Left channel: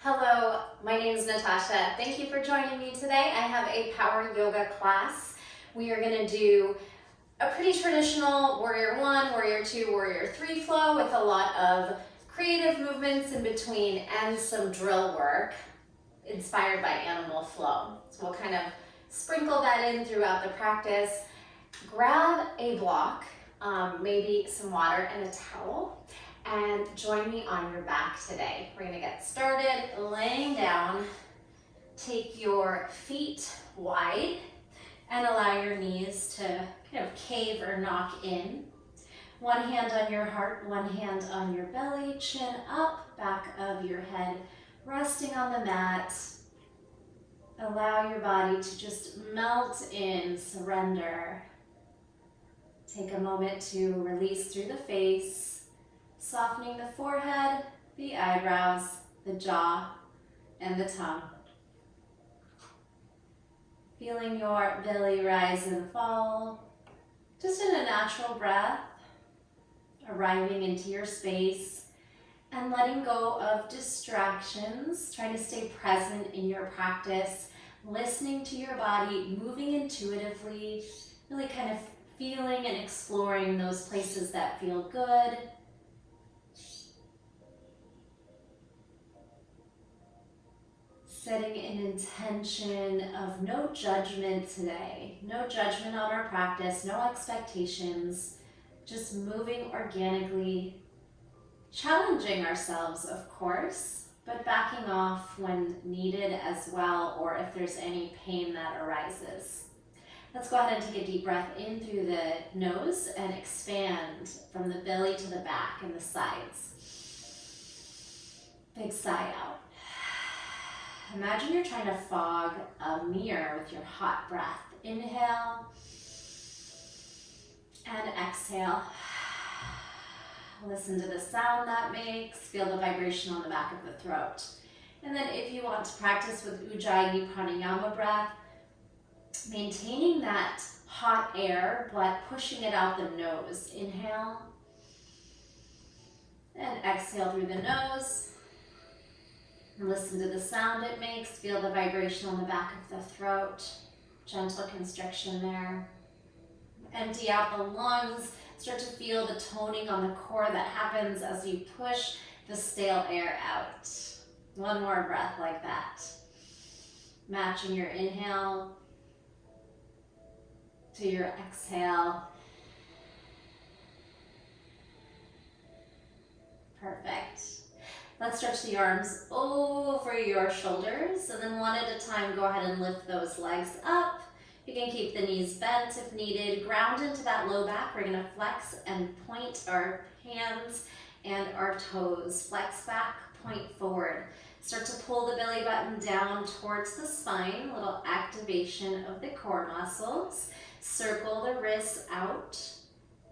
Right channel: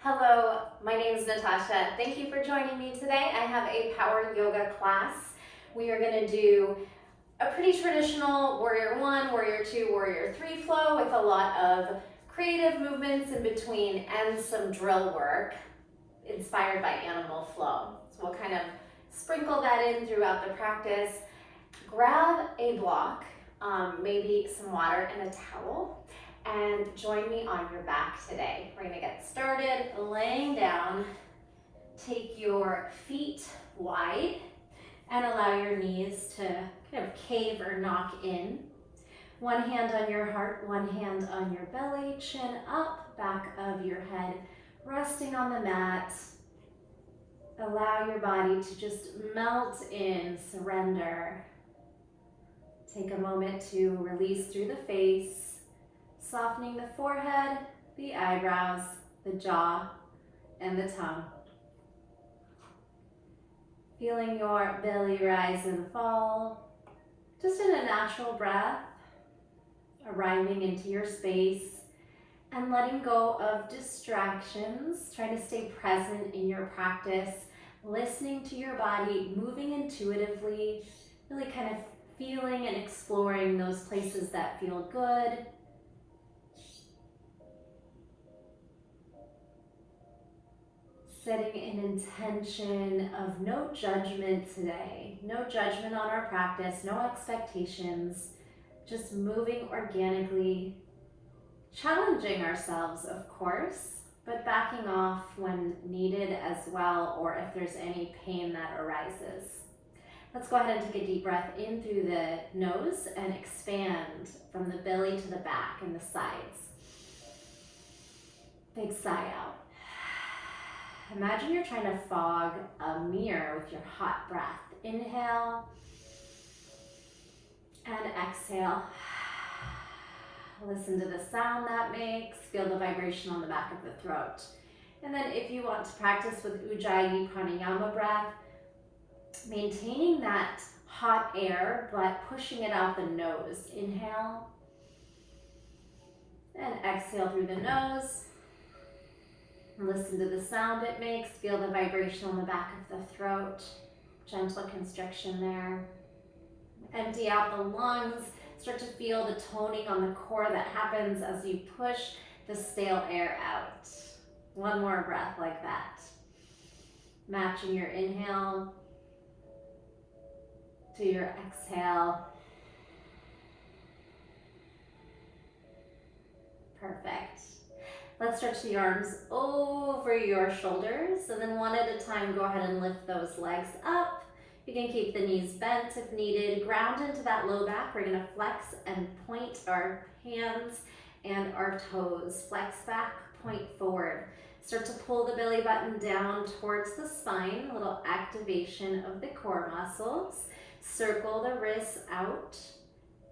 Hello, my name is Natasha. Thank you for joining me today. I have a power yoga class. We are going to do a pretty traditional warrior one, warrior two, warrior three flow with a lot of creative movements in between and some drill work inspired by animal flow. So we'll kind of sprinkle that in throughout the practice. Grab a block, maybe some water and a towel, and join me on your back today. We're gonna get started laying down. Take your feet wide and allow your knees to kind of cave or knock in. One hand on your heart, one hand on your belly, chin up, back of your head, resting on the mat. Allow your body to just melt in, surrender. Take a moment to release through the face, softening the forehead, the eyebrows, the jaw, and the tongue. Feeling your belly rise and fall, just in a natural breath, arriving into your space and letting go of distractions, trying to stay present in your practice, listening to your body, moving intuitively, really kind of feeling and exploring those places that feel good. Setting an intention of no judgment today, no judgment on our practice, no expectations, just moving organically, challenging ourselves, of course, but backing off when needed as well, or if there's any pain that arises. Let's go ahead and take a deep breath in through the nose and expand from the belly to the back and the sides. Big sigh out. Imagine you're trying to fog a mirror with your hot breath. Inhale and exhale. Listen to the sound that makes. Feel the vibration on the back of the throat. And then if you want to practice with Ujjayi Pranayama breath, maintaining that hot air but pushing it out the nose. Inhale and exhale through the nose. Listen to the sound it makes. Feel the vibration on the back of the throat. Gentle constriction there. Empty out the lungs. Start to feel the toning on the core that happens as you push the stale air out. One more breath like that. Matching your inhale to your exhale. Perfect. Let's stretch the arms over your shoulders, and then one at a time, go ahead and lift those legs up. You can keep the knees bent if needed. Ground into that low back. We're gonna flex and point our hands and our toes. Flex back, point forward. Start to pull the belly button down towards the spine, a little activation of the core muscles. Circle the wrists out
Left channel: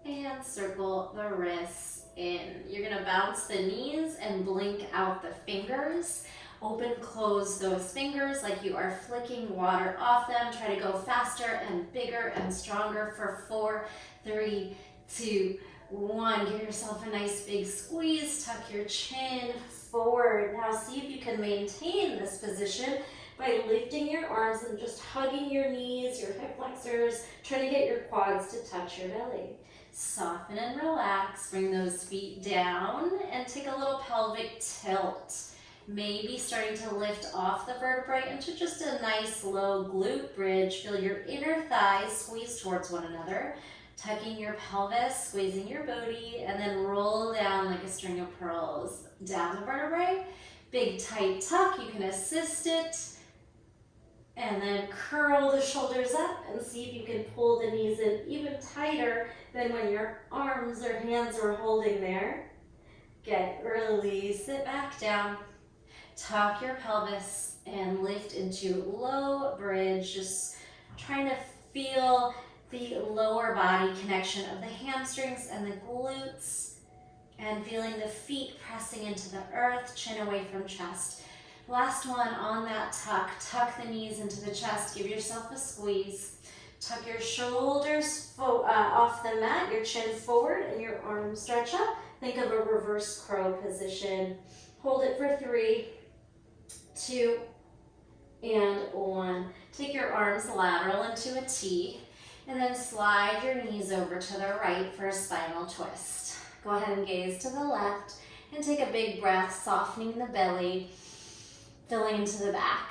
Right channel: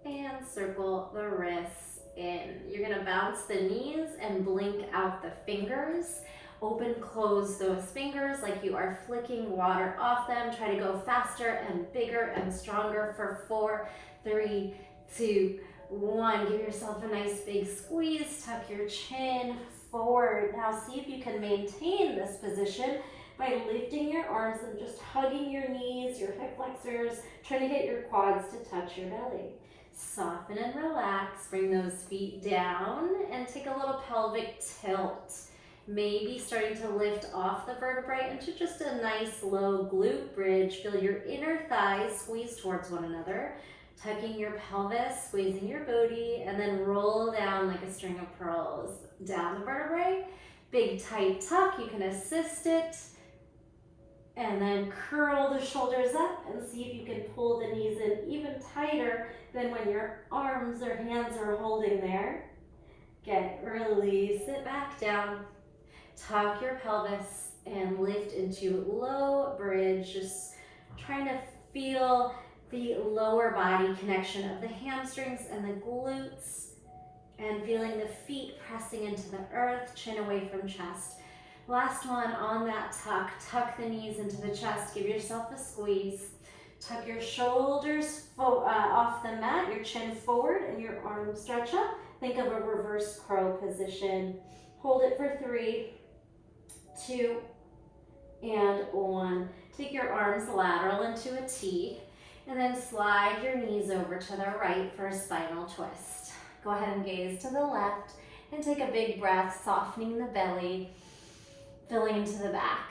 and circle the wrists in. You're gonna bounce the knees and blink out the fingers. Open, close those fingers like you are flicking water off them. Try to go faster and bigger and stronger for 4, 3, 2, 1. Give yourself a nice big squeeze. Tuck your chin forward. Now see if you can maintain this position by lifting your arms and just hugging your knees, your hip flexors, trying to get your quads to touch your belly. Soften and relax, bring those feet down and take a little pelvic tilt. Maybe starting to lift off the vertebrae into just a nice low glute bridge. Feel your inner thighs squeeze towards one another, tucking your pelvis, squeezing your booty, and then roll down like a string of pearls down the vertebrae. Big tight tuck, you can assist it. And then curl the shoulders up and see if you can pull the knees in even tighter than when your arms or hands are holding there. Release it back down. Tuck your pelvis and lift into low bridge. Just trying to feel the lower body connection of the hamstrings and the glutes and feeling the feet pressing into the earth, chin away from chest. Last one on that tuck. Tuck the knees into the chest. Give yourself a squeeze. Tuck your shoulders off the mat, your chin forward, and your arms stretch up. Think of a reverse crow position. Hold it for 3, 2, and 1. Take your arms lateral into a T, and then slide your knees over to the right for a spinal twist. Go ahead and gaze to the left, and take a big breath, softening the belly, filling into the back.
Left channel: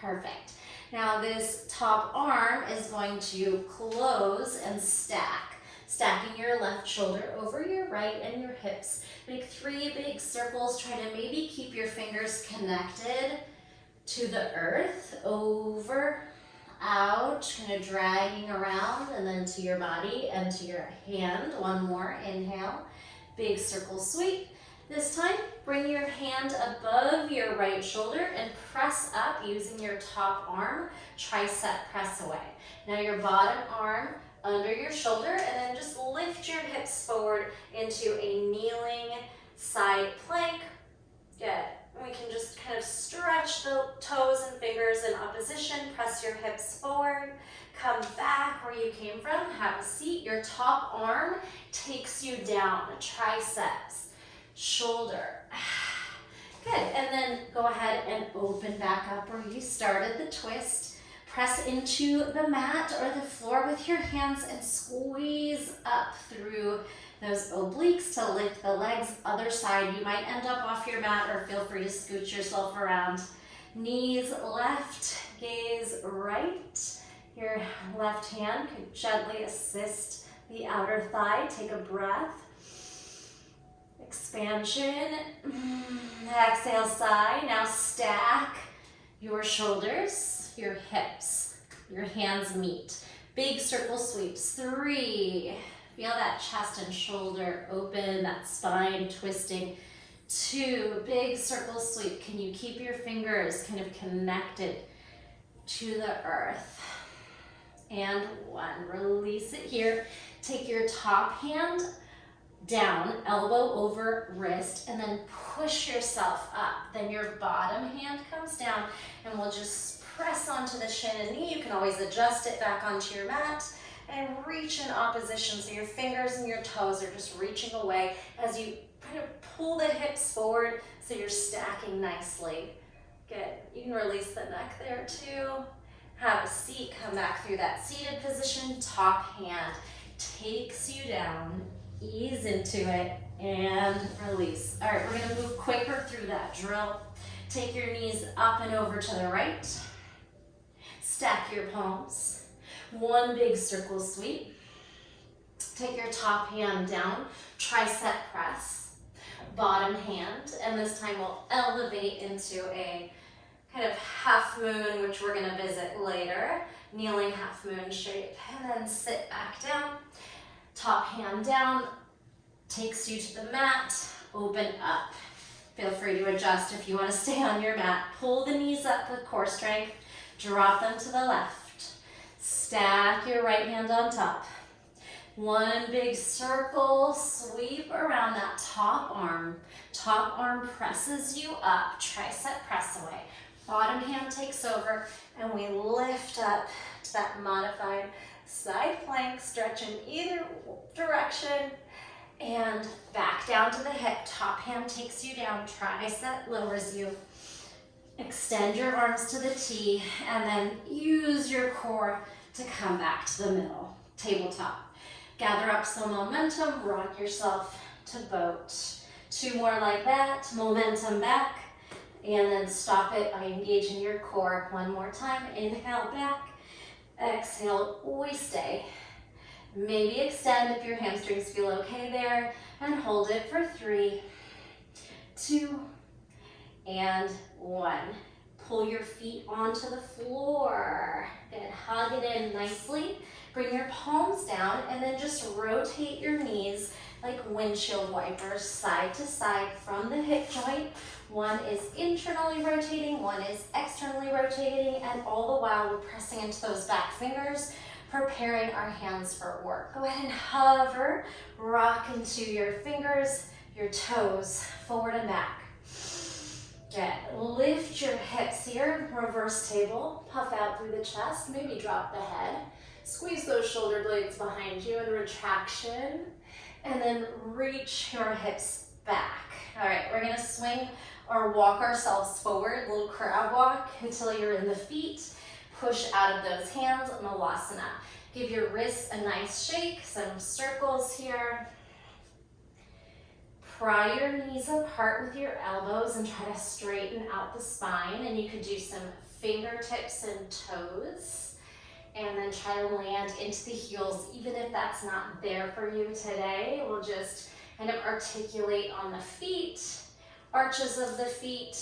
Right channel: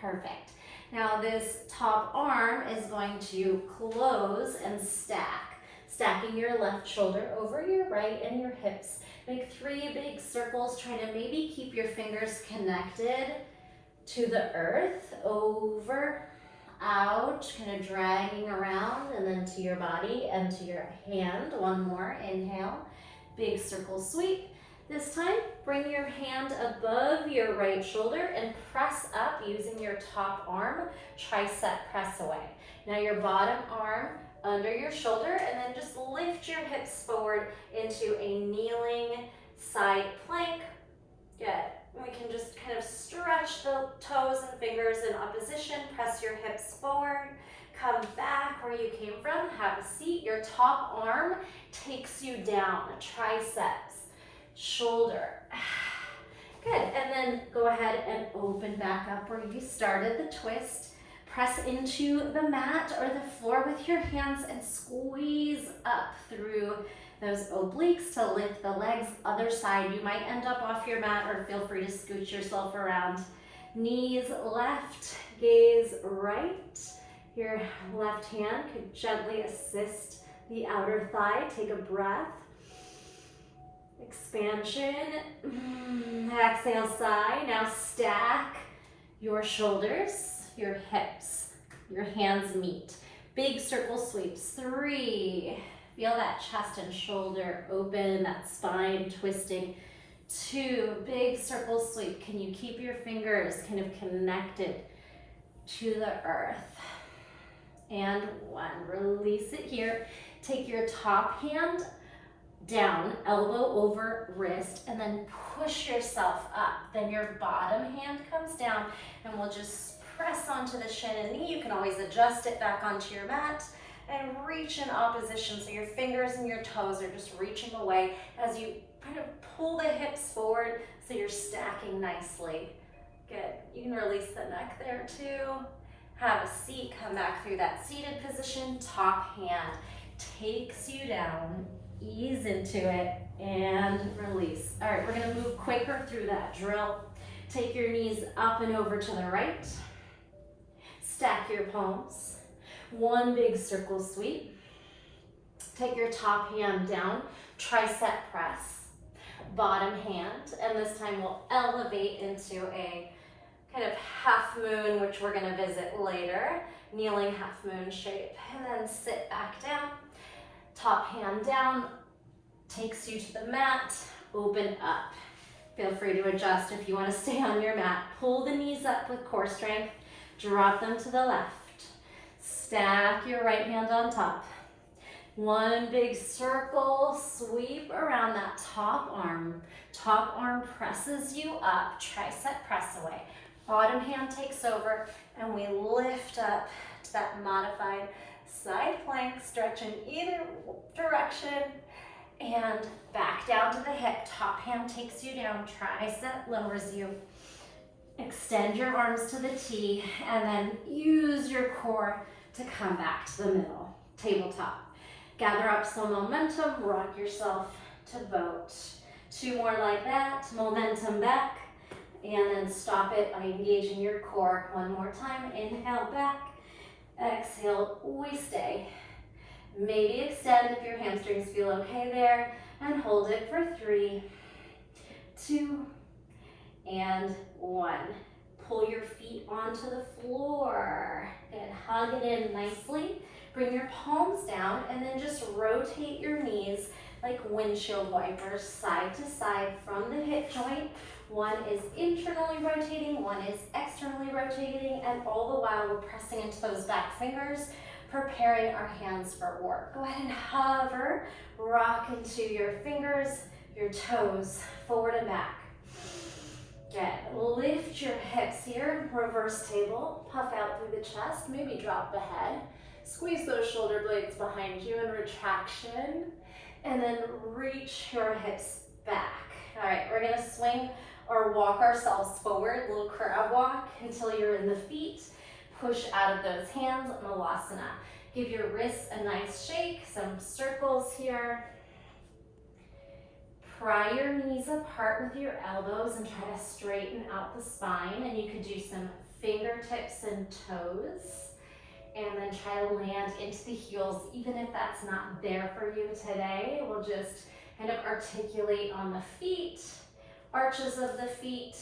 Perfect. Now this top arm is going to close and stack, stacking your left shoulder over your right and your hips. Make 3 big circles, trying to maybe keep your fingers connected to the earth, over, out, kind of dragging around, and then to your body and to your hand. 1 more, inhale, big circle sweep. This time, bring your hand above your right shoulder and press up using your top arm, tricep press away. Now your bottom arm under your shoulder, and then just lift your hips forward into a kneeling side plank. Good. We can just kind of stretch the toes and fingers in opposition, press your hips forward, come back where you came from, have a seat. Your top arm takes you down, triceps, shoulder. Good, and then go ahead and open back up where you started the twist. Press into the mat or the floor with your hands and squeeze up through those obliques to lift the legs. Other side, you might end up off your mat, or feel free to scoot yourself around. Knees left, gaze right. Your left hand could gently assist the outer thigh. Take a breath. Expansion. Exhale, sigh. Now stack your shoulders, your hips, your hands meet. Big circle sweeps. 3. Feel that chest and shoulder open, that spine twisting. 2, big circle sweep. Can you keep your fingers kind of connected to the earth? And 1, release it here. Take your top hand down, elbow over wrist, and then push yourself up. Then your bottom hand comes down, and we'll just press onto the shin and knee. You can always adjust it back onto your mat and reach in opposition, so your fingers and your toes are just reaching away as you kind of pull the hips forward so you're stacking nicely. Good. You can release the neck there too. Have a seat, come back through that seated position. Top hand takes you down, ease into it, and release. All right, we're gonna move quicker through that drill. Take your knees up and over to the right. Stack your palms. 1 big circle sweep. Take your top hand down, tricep press. Bottom hand, and this time we'll elevate into a kind of half moon, which we're gonna visit later. Kneeling half moon shape, and then sit back down. Top hand down, takes you to the mat, open up. Feel free to adjust if you want to stay on your mat. Pull the knees up with core strength, drop them to the left. Stack your right hand on top. 1 big circle sweep around that top arm. Top arm presses you up, tricep press away. Bottom hand takes over, and we lift up to that modified side plank, stretch in either direction, and back down to the hip. Top hand takes you down, tricep lowers you. Extend your arms to the T, and then use your core to come back to the middle, tabletop. Gather up some momentum, rock yourself to boat. 2 more like that, momentum back, and then stop it by engaging your core. 1 more time, inhale back, exhale, we stay. Maybe extend if your hamstrings feel okay there, and hold it for 3, 2, and 1. Pull your feet onto the floor and hug it in nicely. Bring your palms down, and then just rotate your knees like windshield wipers, side to side from the hip joint. 1 is internally rotating, 1 is externally rotating, and all the while we're pressing into those back fingers, preparing our hands for work. Go ahead and hover, rock into your fingers, your toes, forward and back. Good. Lift your hips here, reverse table, puff out through the chest, maybe drop the head. Squeeze those shoulder blades behind you in retraction, and then reach your hips back. All right, we're gonna swing or walk ourselves forward, little crab walk until you're in the feet. Push out of those hands, Malasana. Give your wrists a nice shake, some circles here. Pry your knees apart with your elbows and try to straighten out the spine. And you could do some fingertips and toes. And then try to land into the heels, even if that's not there for you today. We'll just kind of articulate on the feet, arches of the feet,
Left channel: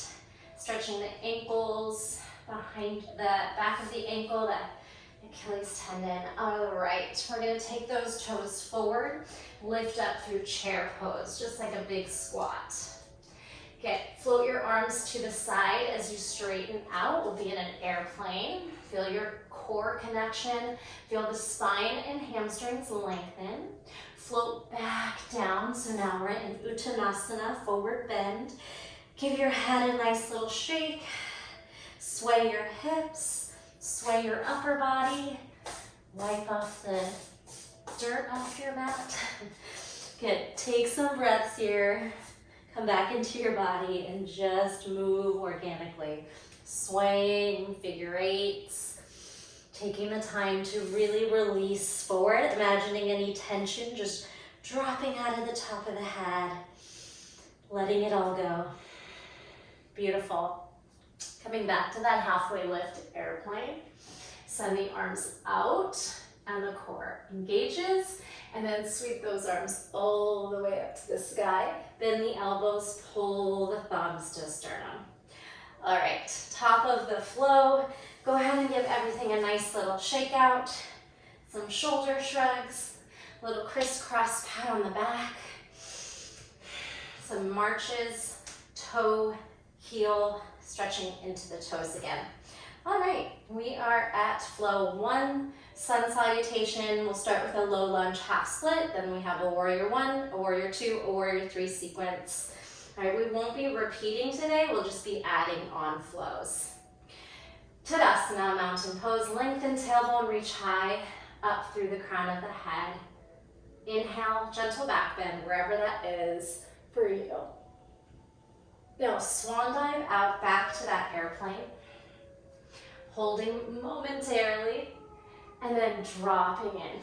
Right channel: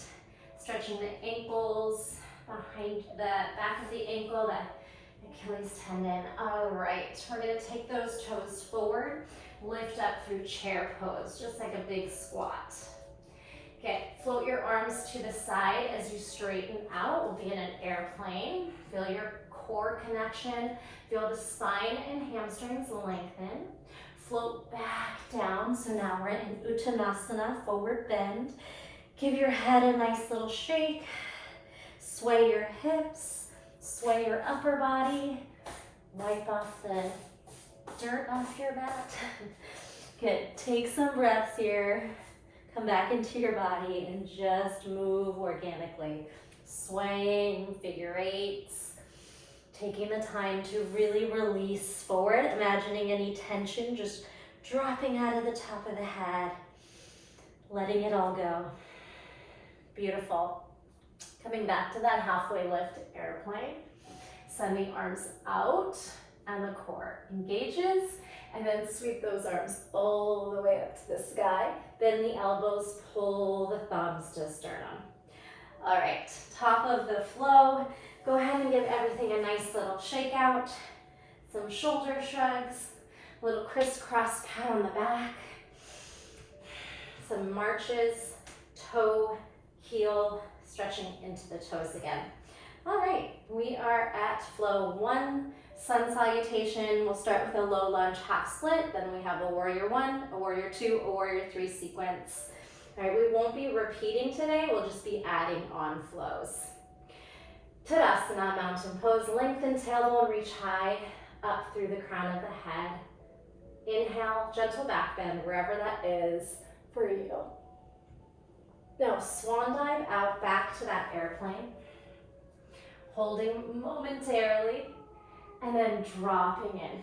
stretching the ankles, behind the back of the ankle, the Achilles tendon. All right, we're gonna take those toes forward, lift up through chair pose, just like a big squat. Okay, float your arms to the side as you straighten out. We'll be in an airplane. Feel your core connection. Feel the spine and hamstrings lengthen. Float back down. So now we're in Uttanasana, forward bend. Give your head a nice little shake. Sway your hips, sway your upper body. Wipe off the dirt off your mat. Good, take some breaths here. Come back into your body and just move organically. Swaying, figure eights. Taking the time to really release forward, imagining any tension just dropping out of the top of the head, letting it all go. Beautiful. Coming back to that halfway lift airplane. Send the arms out and the core engages, and then sweep those arms all the way up to the sky. Bend the elbows, pull the thumbs to sternum. All right, top of the flow. Go ahead and give everything a nice little shake out. Some shoulder shrugs, a little crisscross pat on the back. Some marches, toe, heel, stretching into the toes again. All right, we are at flow 1, sun salutation. We'll start with a low lunge half split, then we have a warrior 1, a warrior 2, a warrior 3 sequence. All right, we won't be repeating today, we'll just be adding on flows. Tadasana, mountain pose. Lengthen tailbone, reach high up through the crown of the head. Inhale, gentle back bend, wherever that is for you. Now, swan dive out back to that airplane. Holding momentarily, and then dropping in.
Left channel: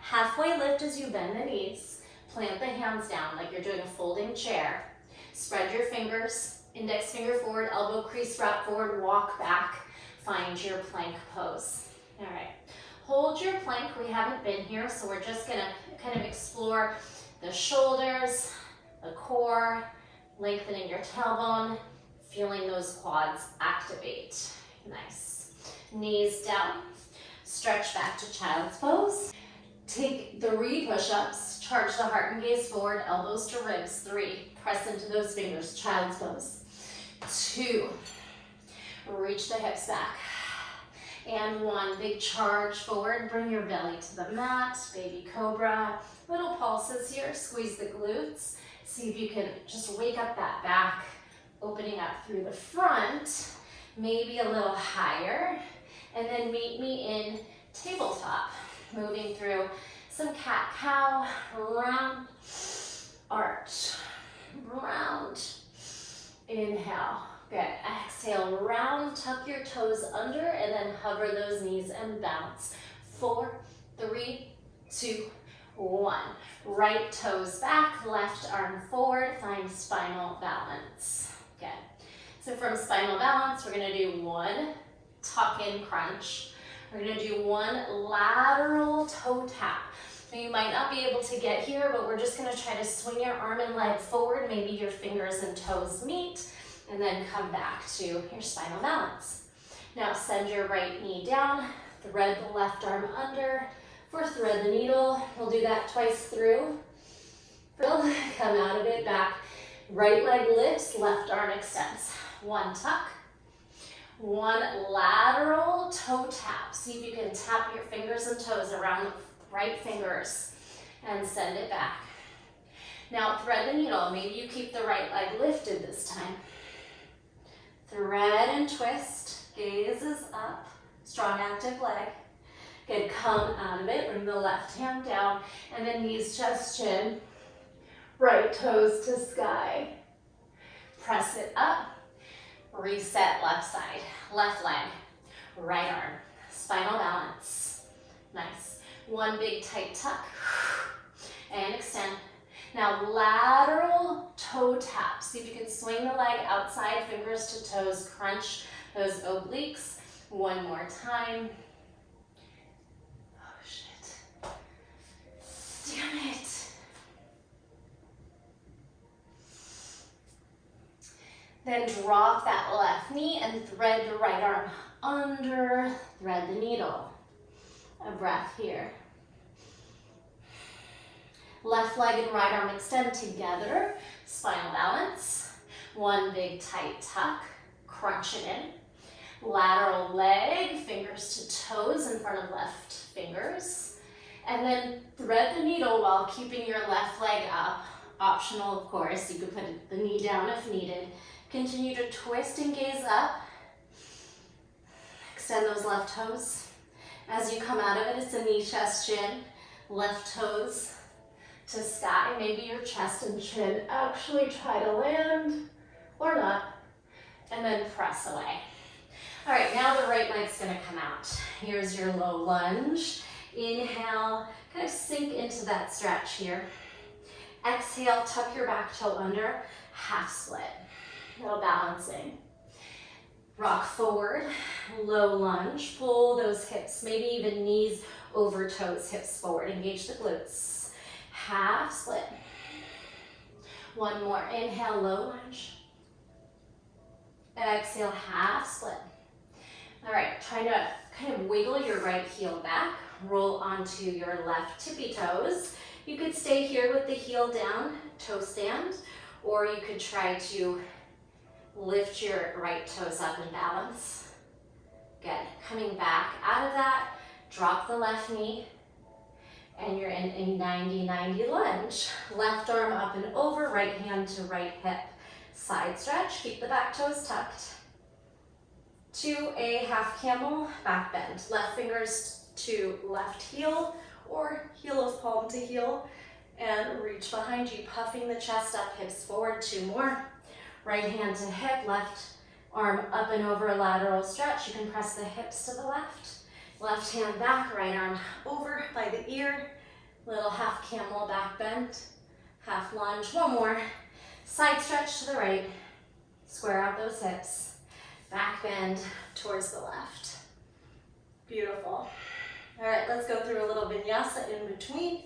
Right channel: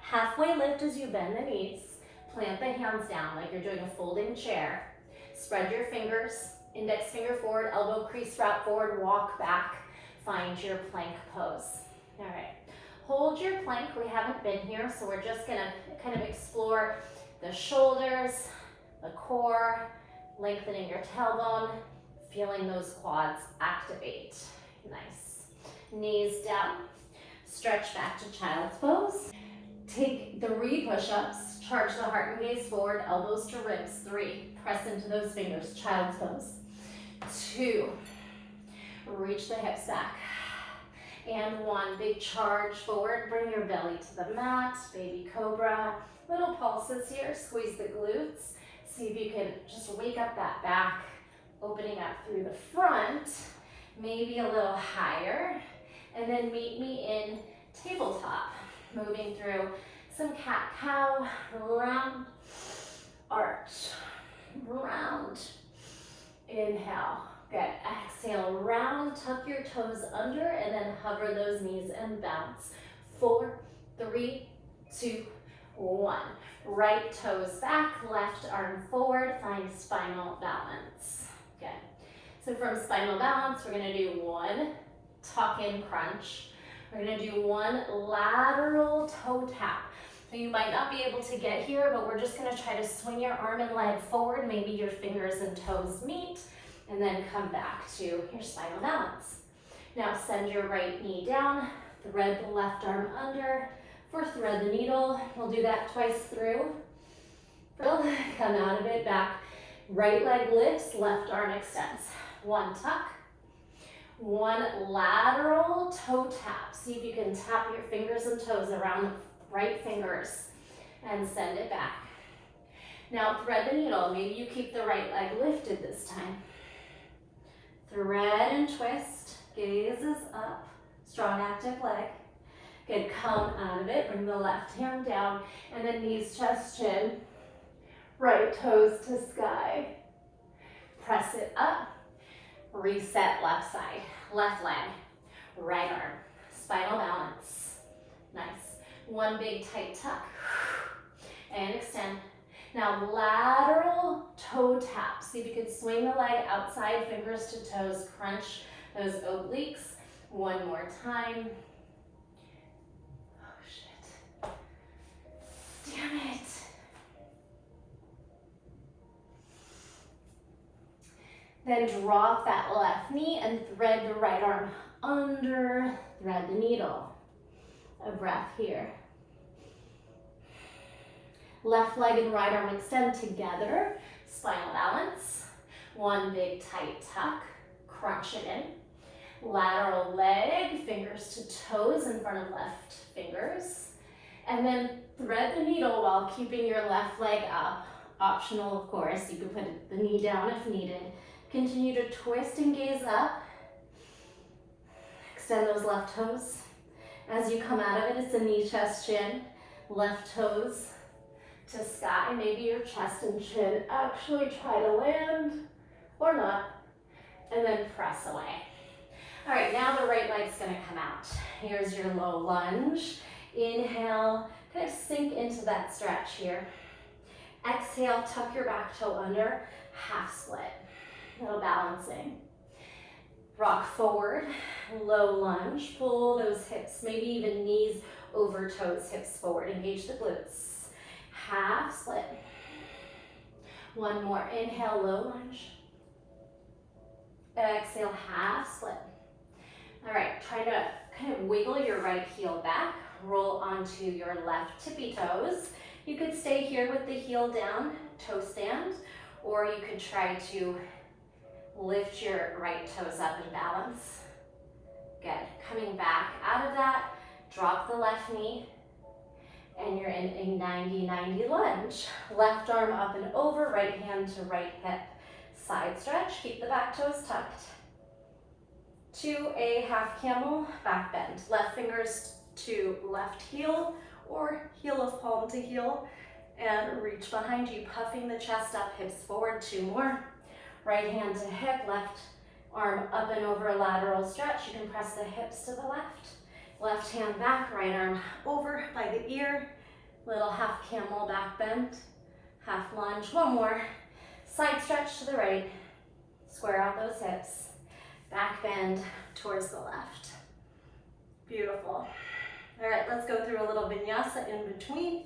Halfway lift as you bend the knees. Plant the hands down like you're doing a folding chair. Spread your fingers. Index finger forward, elbow crease wrap forward, walk back, find your plank pose. All right, hold your plank. We haven't been here, so we're just gonna kind of explore the shoulders, the core, lengthening your tailbone, feeling those quads activate. Nice. Knees down, stretch back to child's pose. Take 3 push-ups, charge the heart and gaze forward, elbows to ribs. 3, press into those fingers, child's pose. 2, reach the hips back. And 1, big charge forward, bring your belly to the mat, baby cobra. Little pulses here, squeeze the glutes. See if you can just wake up that back, opening up through the front, maybe a little higher. And then meet me in tabletop, moving through some cat-cow, round, arch, round. Inhale, good. Exhale, round, tuck your toes under, and then hover those knees and bounce. 4, 3, 2, 1. Right toes back, left arm forward, find spinal balance. Good. So from spinal balance, we're gonna do 1 tuck-in crunch. We're gonna do 1 lateral toe tap. So you might not be able to get here, but we're just gonna try to swing your arm and leg forward. Maybe your fingers and toes meet, and then come back to your spinal balance. Now send your right knee down, thread the left arm under. For thread the needle, we'll do that twice through. Come out of it, back. Right leg lifts, left arm extends. 1 tuck, 1 lateral toe tap. See if you can tap your fingers and toes around the right fingers and send it back. Now thread the needle. Maybe you keep the right leg lifted this time. Thread and twist, gaze is up, strong active leg. Good, come out of it, bring the left hand down, and then knees, chest, chin, right toes to sky. Press it up. Reset left side. Left leg. Right arm. Spinal balance. Nice. One big tight tuck. And extend. Now lateral toe tap. See if you can swing the leg outside, fingers to toes, crunch those obliques. One more time. Oh shit. Damn it. Then drop that left knee and thread the right arm under, thread the needle. A breath here. Left leg and right arm extend together, spinal balance. One big tight tuck, crunch it in. Lateral leg, fingers to toes in front of left fingers. And then thread the needle while keeping your left leg up. Optional, of course, you could put the knee down if needed. Continue to twist and gaze up. Extend those left toes. As you come out of it, it's a knee, chest, chin. Left toes to sky, maybe your chest and chin actually try to land or not, and then press away. All right, now the right leg's gonna come out. Here's your low lunge. Inhale, kind of sink into that stretch here. Exhale, tuck your back toe under, half split. Little balancing. Rock forward, low lunge, pull those hips, maybe even knees over toes, hips forward, engage the glutes. Half split. One more, inhale, low lunge. Exhale, half split. All right, try to kind of wiggle your right heel back, roll onto your left tippy toes. You could stay here with the heel down, toe stand, or you could try to lift your right toes up and balance. Good, coming back out of that, drop the left knee, and you're in a 90-90 lunge. Left arm up and over, right hand to right hip. Side stretch, keep the back toes tucked. To a half camel, back bend. Left fingers to left heel, or heel of palm to heel, and reach behind you, puffing the chest up, hips forward, 2 more. Right hand to hip, left arm up and over, a lateral stretch. You can press the hips to the left. Left hand back, right arm over by the ear. Little half camel back bend, half lunge. 1 more. Side stretch to the right. Square out those hips. Back bend towards the left. Beautiful. All right, let's go through a little vinyasa in between.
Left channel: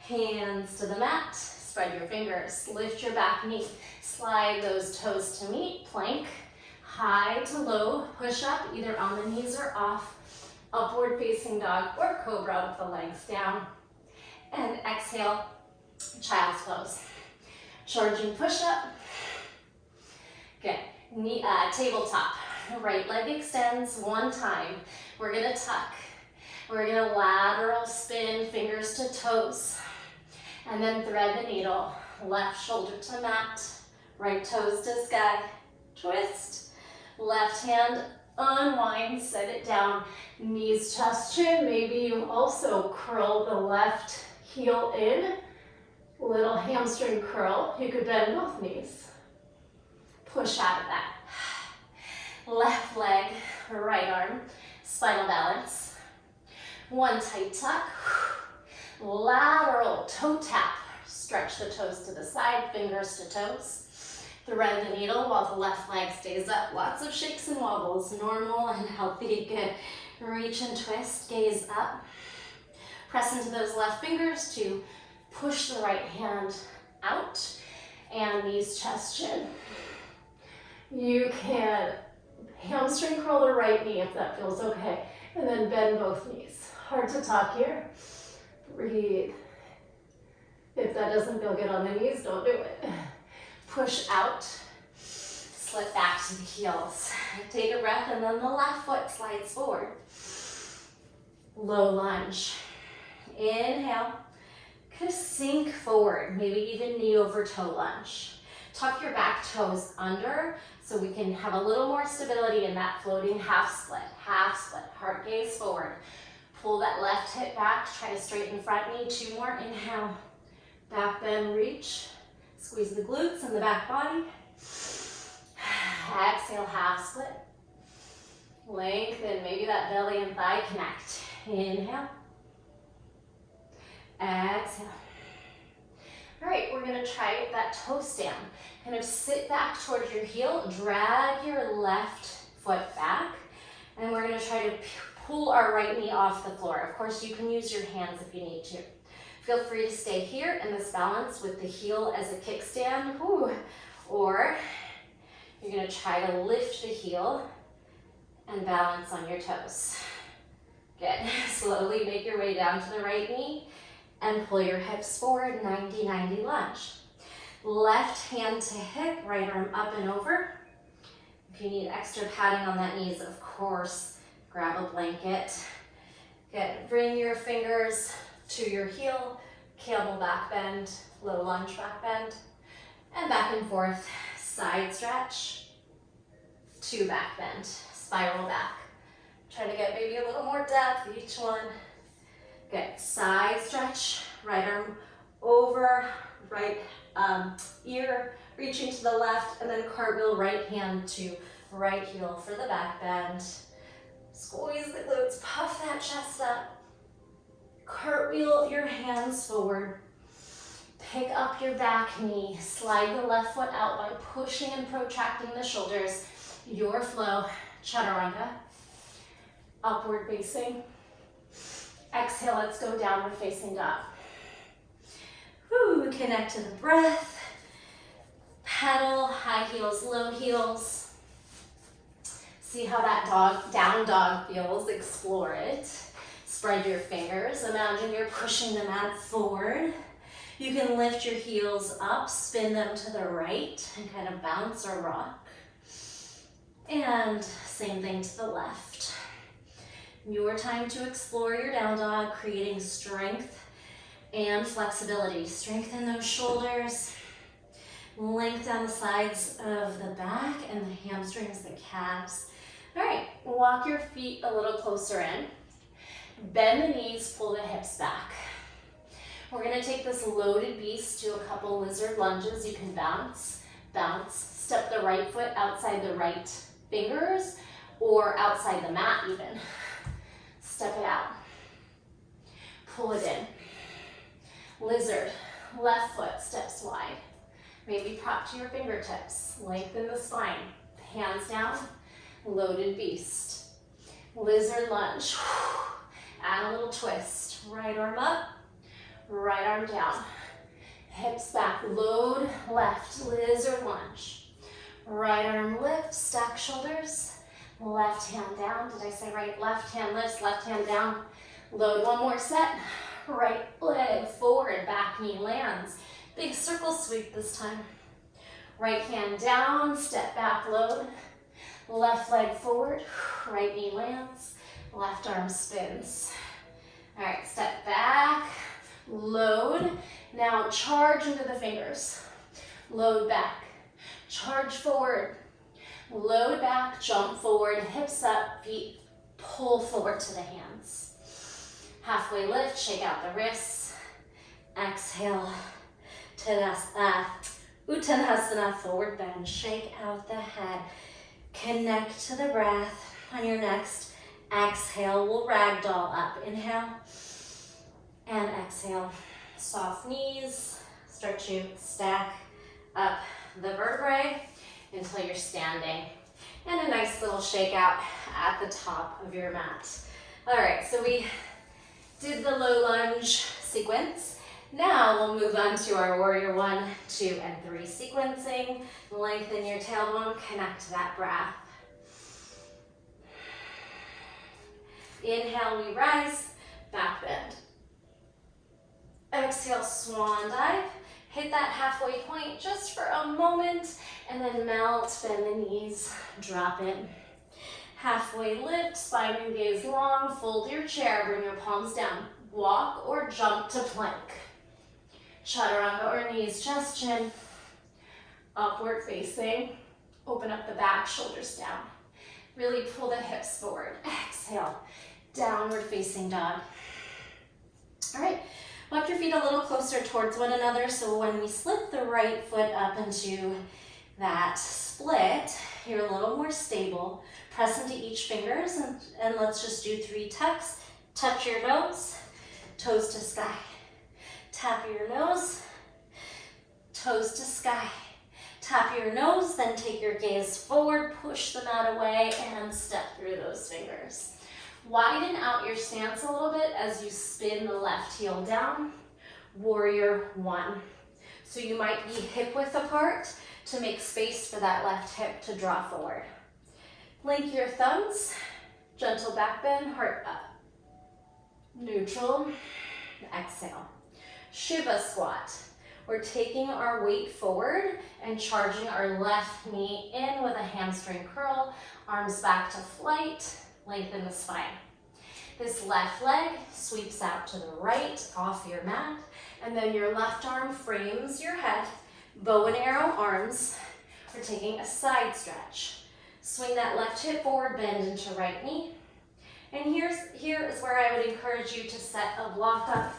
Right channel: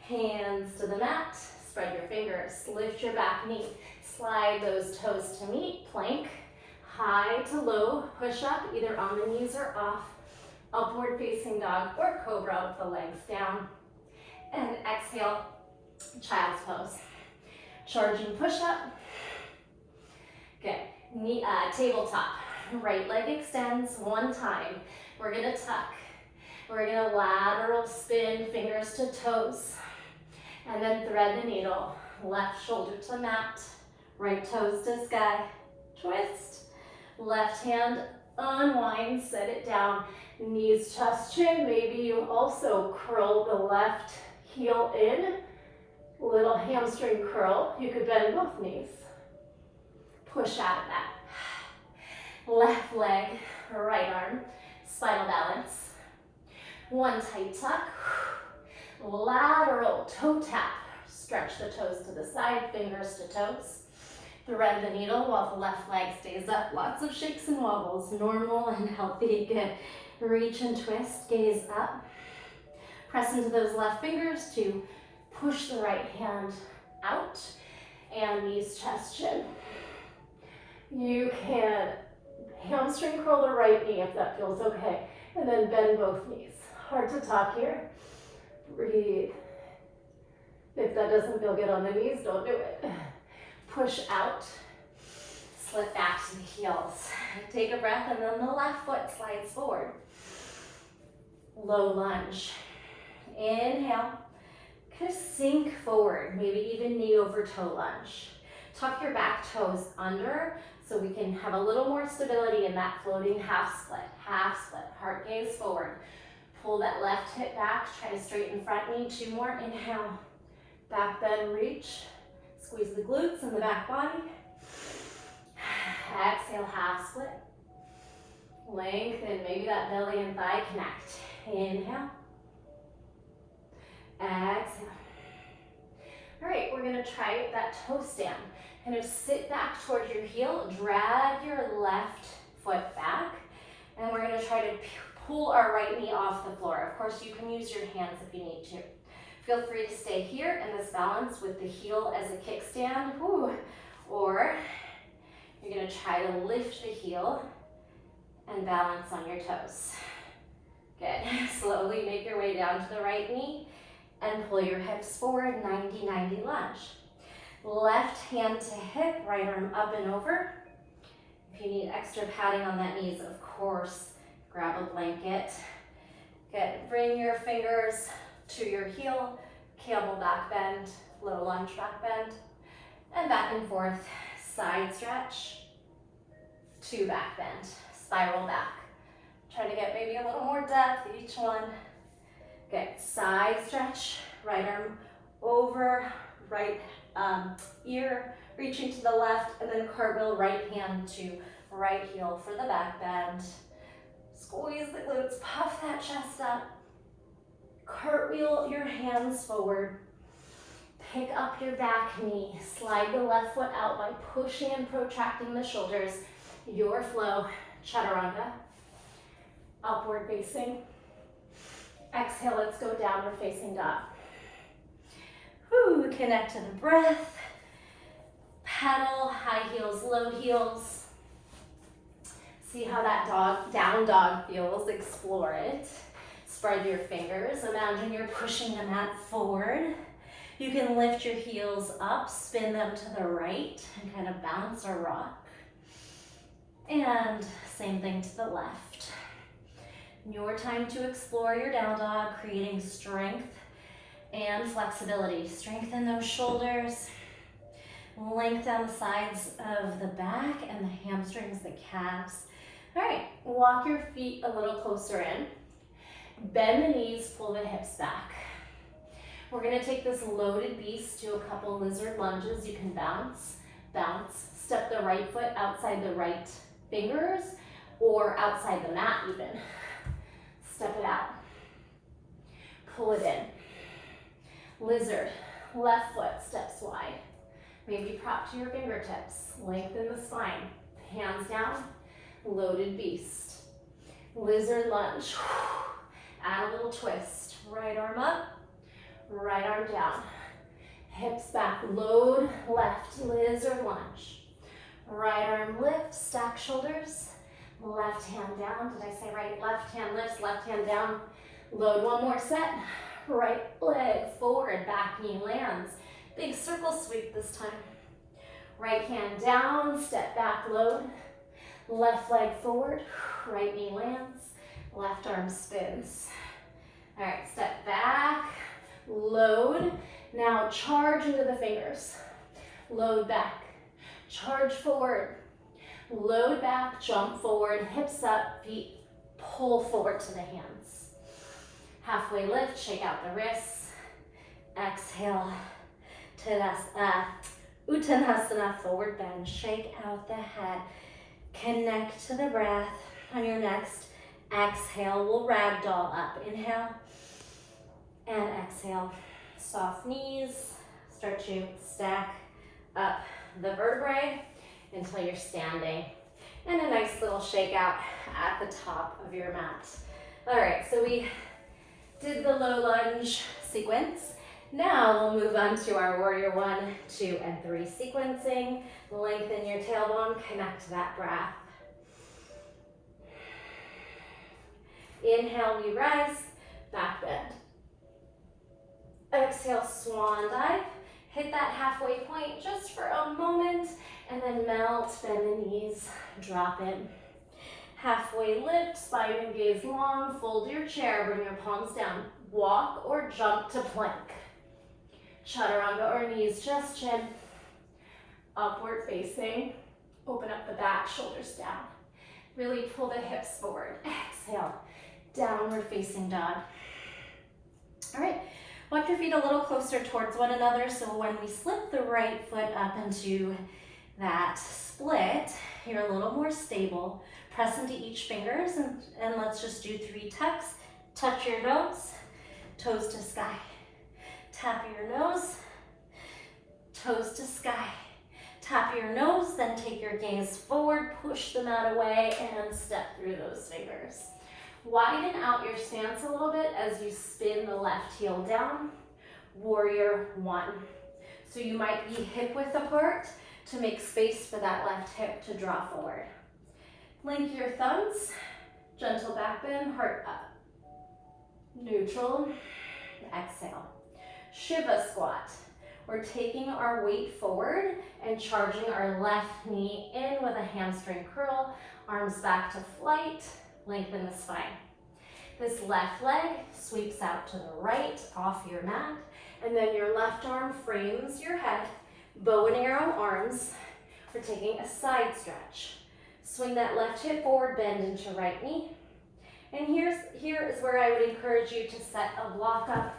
Hands to the mat. Spread your fingers. Lift your back knee. Slide those toes to meet. Plank. High to low. Push up either on the knees or off. Upward facing dog or cobra with the legs down. And exhale, child's pose. Charging push up. Good. Knee, tabletop. Right leg extends 1 time. We're gonna tuck. We're gonna lateral spin, fingers to toes. And then thread the needle. Left shoulder to mat. Right toes to sky. Twist. Left hand unwind, set it down. Knees, chest, chin. Maybe you also curl the left heel in. Little hamstring curl. You could bend both knees. Push out of that. Left leg, right arm, spinal balance. 1 tight tuck. Lateral toe tap. Stretch the toes to the side, fingers to toes. Thread the needle while the left leg stays up. Lots of shakes and wobbles, normal and healthy. Good. Reach and twist, gaze up. Press into those left fingers to push the right hand out. And knees, chest, chin. You can hamstring curl the right knee if that feels okay. And then bend both knees. Hard to talk here. Breathe. If that doesn't feel good on the knees, don't do it. Push out. Slip back to the heels. Take a breath and then the left foot slides forward. Low lunge. Inhale. Kind of sink forward, maybe even knee over toe lunge. Tuck your back toes under so we can have a little more stability in that floating half split. Heart gaze forward. Pull that left hip back, try to straighten front knee. 2 more, inhale. Back bend, reach. Squeeze the glutes and the back body. Exhale, half split. Lengthen, maybe that belly and thigh connect. Inhale. Exhale. All right, we're gonna try that toe stand. Kind of sit back towards your heel, drag your left foot back, and we're gonna try to pull our right knee off the floor. Of course, you can use your hands if you need to. Feel free to stay here in this balance with the heel as a kickstand, or you're gonna try to lift the heel and balance on your toes. Good. Slowly make your way down to the right knee and pull your hips forward, 90-90 lunge. Left hand to hip, right arm up and over. If you need extra padding on that knees, of course, grab a blanket. Good. Bring your fingers to your heel, camel back bend, low lunge back bend, and back and forth, side stretch, to back bend, spiral back. Try to get maybe a little more depth each one. Good, side stretch, right arm over, right ear, reaching to the left, and then cartwheel right hand to right heel for the back bend. Squeeze the glutes, puff that chest up. Cartwheel your hands forward. Pick up your back knee. Slide the left foot out by pushing and protracting the shoulders. Your flow, chaturanga. Upward facing. Exhale, let's go downward facing dog. Whew, connect to the breath. Pedal, high heels, low heels. See how that down dog feels, explore it. Spread your fingers, imagine you're pushing the mat forward. You can lift your heels up, spin them to the right, and kind of bounce or rock. And same thing to the left. Your time to explore your down dog, creating strength and flexibility. Strengthen those shoulders. Length down the sides of the back and the hamstrings, the calves. All right, walk your feet a little closer in. Bend the knees, pull the hips back. We're gonna take this loaded beast to a couple lizard lunges. You can bounce, bounce. Step the right foot outside the right fingers or outside the mat even. Step it out. Pull it in. Lizard, left foot steps wide. Maybe prop to your fingertips. Lengthen the spine. Hands down, loaded beast. Lizard lunge. Add a little twist. Right arm up, right arm down. Hips back, load left, lizard lunge. Right arm lift, stack shoulders. Left hand down, did I say right? Left hand lifts, left hand down. Load one more set. Right leg forward, back knee lands. Big circle sweep this time. Right hand down, step back, load. Left leg forward, right knee lands. Left arm spins. All right, step back, load. Now charge into the fingers. Load back, charge forward. Load back, jump forward, hips up, feet pull forward to the hands. Halfway lift, shake out the wrists. Exhale, Uttanasana, forward bend. Shake out the head. Connect to the breath. On your next exhale, we'll ragdoll up. Inhale and exhale. Soft knees. Start to stack up the vertebrae until you're standing. And a nice little shake out at the top of your mat. All right, so we did the low lunge sequence. Now we'll move on to our warrior 1, 2, and 3 sequencing. Lengthen your tailbone, connect to that breath. Inhale, we rise, back bend. Exhale, swan dive. Hit that halfway point just for a moment, and then melt, bend the knees, drop it. Halfway lift, spine and gaze long, fold your chair, bring your palms down. Walk or jump to plank. Chaturanga or knees, just chin. Upward facing, open up the back, shoulders down. Really pull the hips forward. Exhale, downward facing dog. All right, walk your feet a little closer towards one another, so when we slip the right foot up into that split, you're a little more stable. Press into each fingers and let's just do 3 tucks. Touch your nose, toes to sky. Tap your nose, toes to sky. Tap your nose, then take your gaze forward, push the mat away, and step through those fingers. Widen out your stance a little bit as you spin the left heel down. Warrior 1. So you might be hip width apart to make space for that left hip to draw forward. Link your thumbs, gentle back bend, heart up. Neutral, exhale. Shiva squat. We're taking our weight forward and charging our left knee in with a hamstring curl, arms back to flight, lengthen the spine. This left leg sweeps out to the right off your mat, and then your left arm frames your head, bow and arrow arms. We're taking a side stretch. Swing that left hip forward, bend into right knee. And here is where I would encourage you to set a block up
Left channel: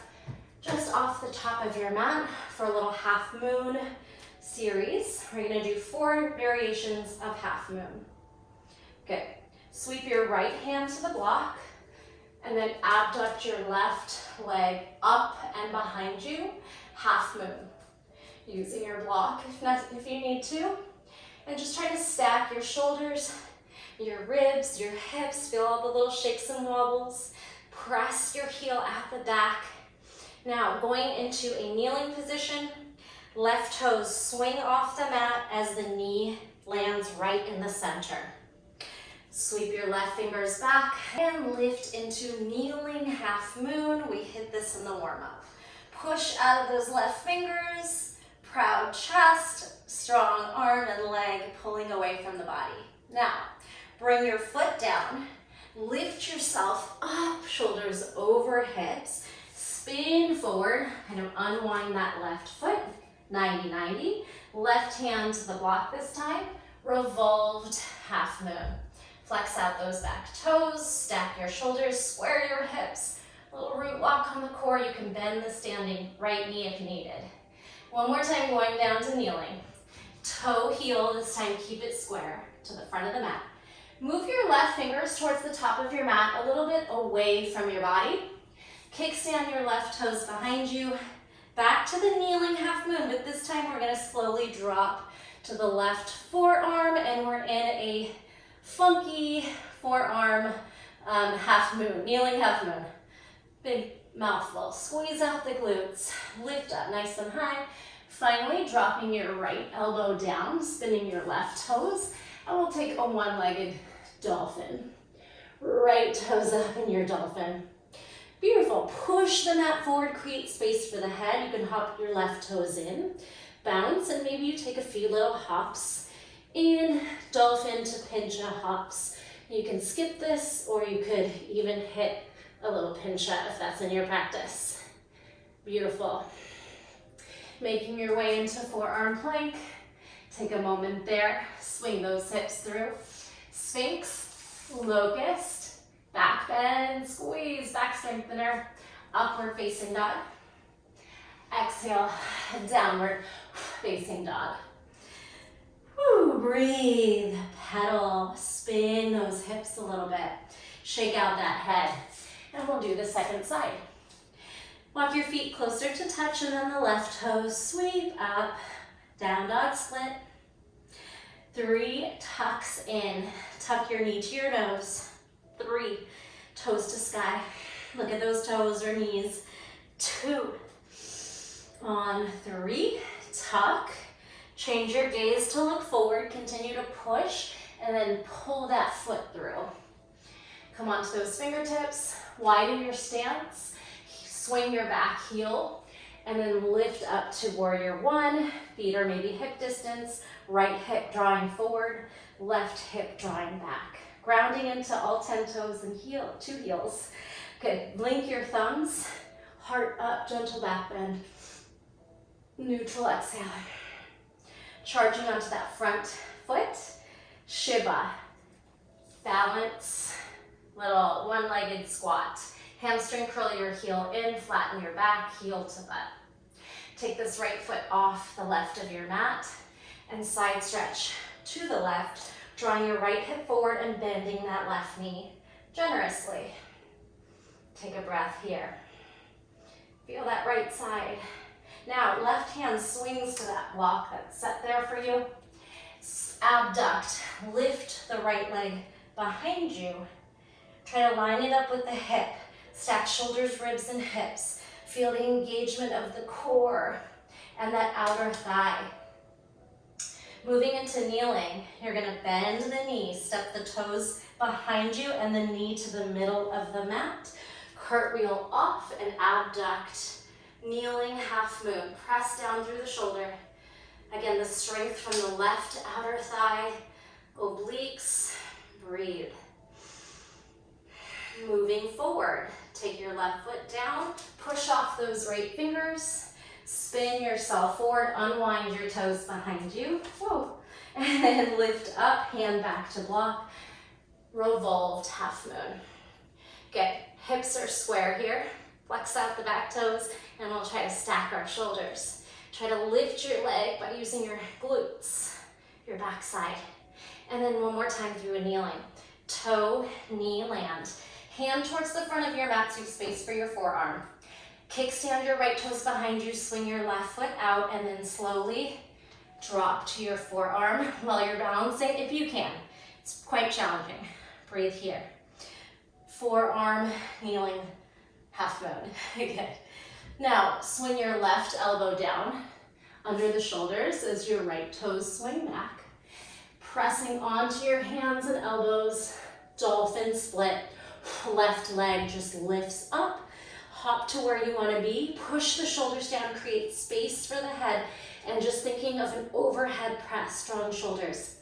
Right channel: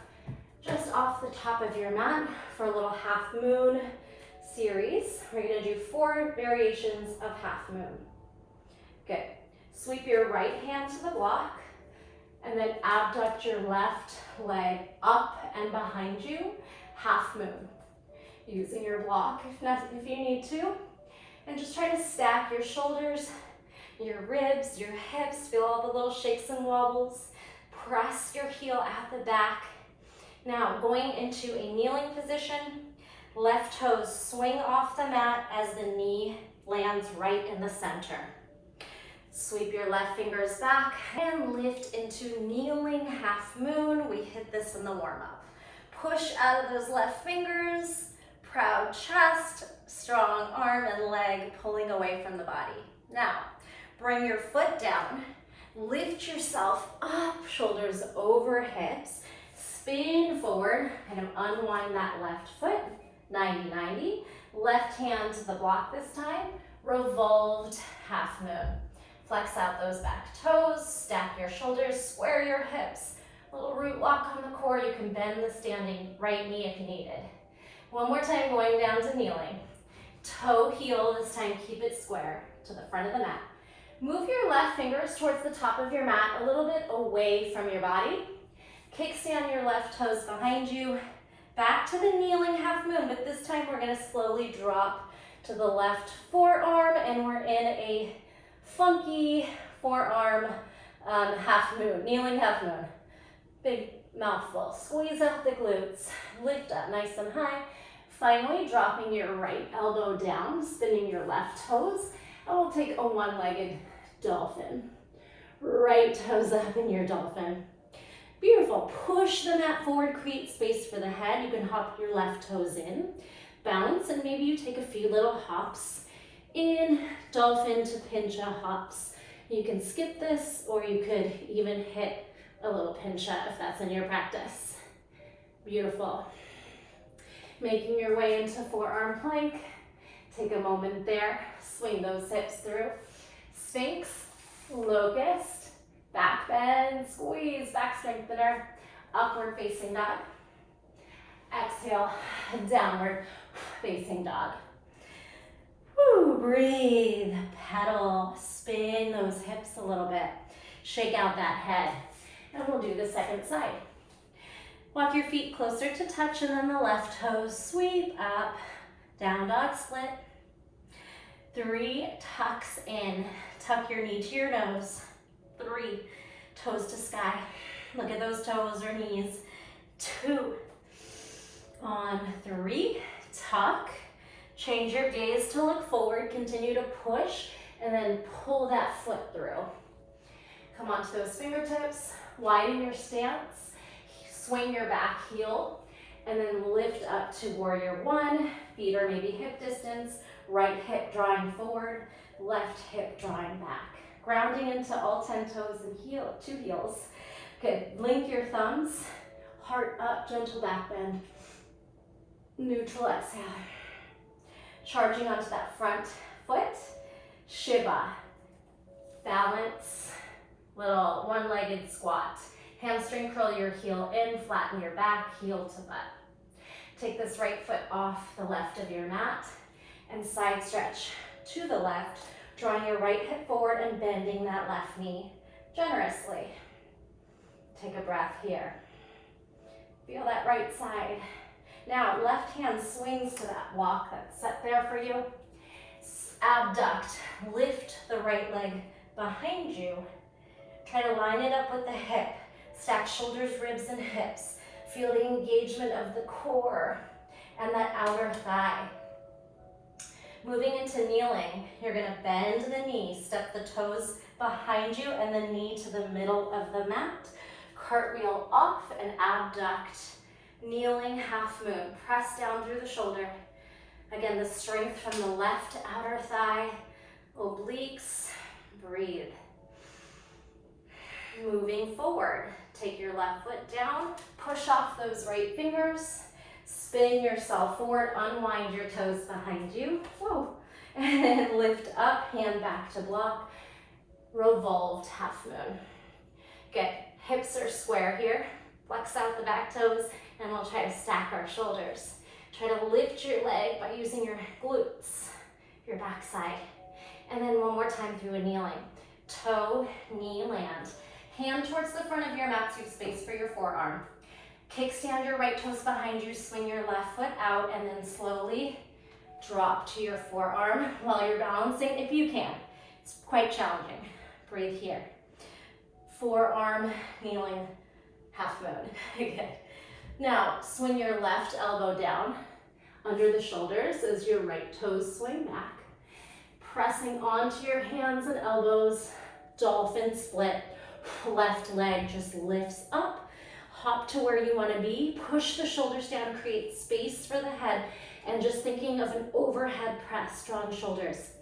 just off the top of your mat for a little half moon series. We're gonna do 4 variations of half moon. Good. Sweep your right hand to the block and then abduct your left leg up and behind you, half moon. Using your block if you need to. And just try to stack your shoulders, your ribs, your hips. Feel all the little shakes and wobbles. Press your heel at the back. Now, going into a kneeling position, left toes swing off the mat as the knee lands right in the center. Sweep your left fingers back and lift into kneeling half moon. We hit this in the warm-up. Push out of those left fingers, proud chest, strong arm and leg pulling away from the body. Now, bring your foot down, lift yourself up, shoulders over hips, spin forward, kind of unwind that left foot, 90-90. Left hand to the block this time, revolved half moon. Flex out those back toes, stack your shoulders, square your hips. Little root walk on the core. You can bend the standing right knee if needed. One more time, going down to kneeling. Toe heel, this time keep it square to the front of the mat. Move your left fingers towards the top of your mat, a little bit away from your body. Kickstand your left toes behind you. Back to the kneeling half moon, but this time we're gonna slowly drop to the left forearm and we're in a funky forearm half moon, kneeling half moon. Big mouthful, squeeze out the glutes, lift up nice and high. Finally, dropping your right elbow down, spinning your left toes, and we'll take a one-legged dolphin. Right toes up in your dolphin. Beautiful. Push the mat forward, create space for the head. You can hop your left toes in, bounce, and maybe you take a few little hops in dolphin to pincha hops. You can skip this, or you could even hit a little pincha if that's in your practice. Beautiful. Making your way into forearm plank. Take a moment there. Swing those hips through. Sphinx, locust, back bend, squeeze, back strengthener, upward facing dog. Exhale, downward facing dog. Woo, breathe, pedal, spin those hips a little bit. Shake out that head. And we'll do the second side. Walk your feet closer to touch and then the left toes sweep up, down dog split. 3 tucks in, tuck your knee to your nose. 3, toes to sky. Look at those toes or knees. 2, on 3, tuck. Change your gaze to look forward, continue to push, and then pull that foot through. Come onto those fingertips, widen your stance, swing your back heel, and then lift up to warrior 1. Feet are maybe hip distance, right hip drawing forward, left hip drawing back. Grounding into all 10 toes and 2 heels. Good, link your thumbs, heart up, gentle back bend. Neutral exhale. Charging onto that front foot, Shiva. Balance, little one-legged squat. Hamstring curl your heel in, flatten your back, heel to butt. Take this right foot off the left of your mat And side stretch to the left, drawing your right hip forward and bending that left knee generously. Take a breath here. Feel that right side. Now, left hand swings to that block that's set there for you. Abduct, lift the right leg behind you. Try to line it up with the hip. Stack shoulders, ribs, and hips. Feel the engagement of the core and that outer thigh. Moving into kneeling, you're gonna bend the knee, step the toes behind you and the knee to the middle of the mat. Cartwheel off and abduct. Kneeling half moon. Press down through the shoulder. Again, the strength from the left outer thigh, obliques. Breathe. Moving forward, take your left foot down, push off those right fingers, spin yourself forward, unwind your toes behind you. Whoa. And then lift up, hand back to block, revolved half moon. Good. Hips are square here. Flex out the back toes, and we'll try to stack our shoulders. Try to lift your leg by using your glutes, your backside. And then one more time through a kneeling. Toe, knee, land. Hand towards the front of your mat so you have space for your forearm. Kickstand your right toes behind you, swing your left foot out, and then slowly drop to your forearm while you're balancing, if you can. It's quite challenging. Breathe here. Forearm, kneeling, half moon. Good. Now, swing your left elbow down under the shoulders as your right toes swing back. Pressing onto your hands and elbows, dolphin split. Left leg just lifts up. Hop to where you want to be. Push the shoulders down, create space for the head, and just thinking of an overhead press, strong shoulders.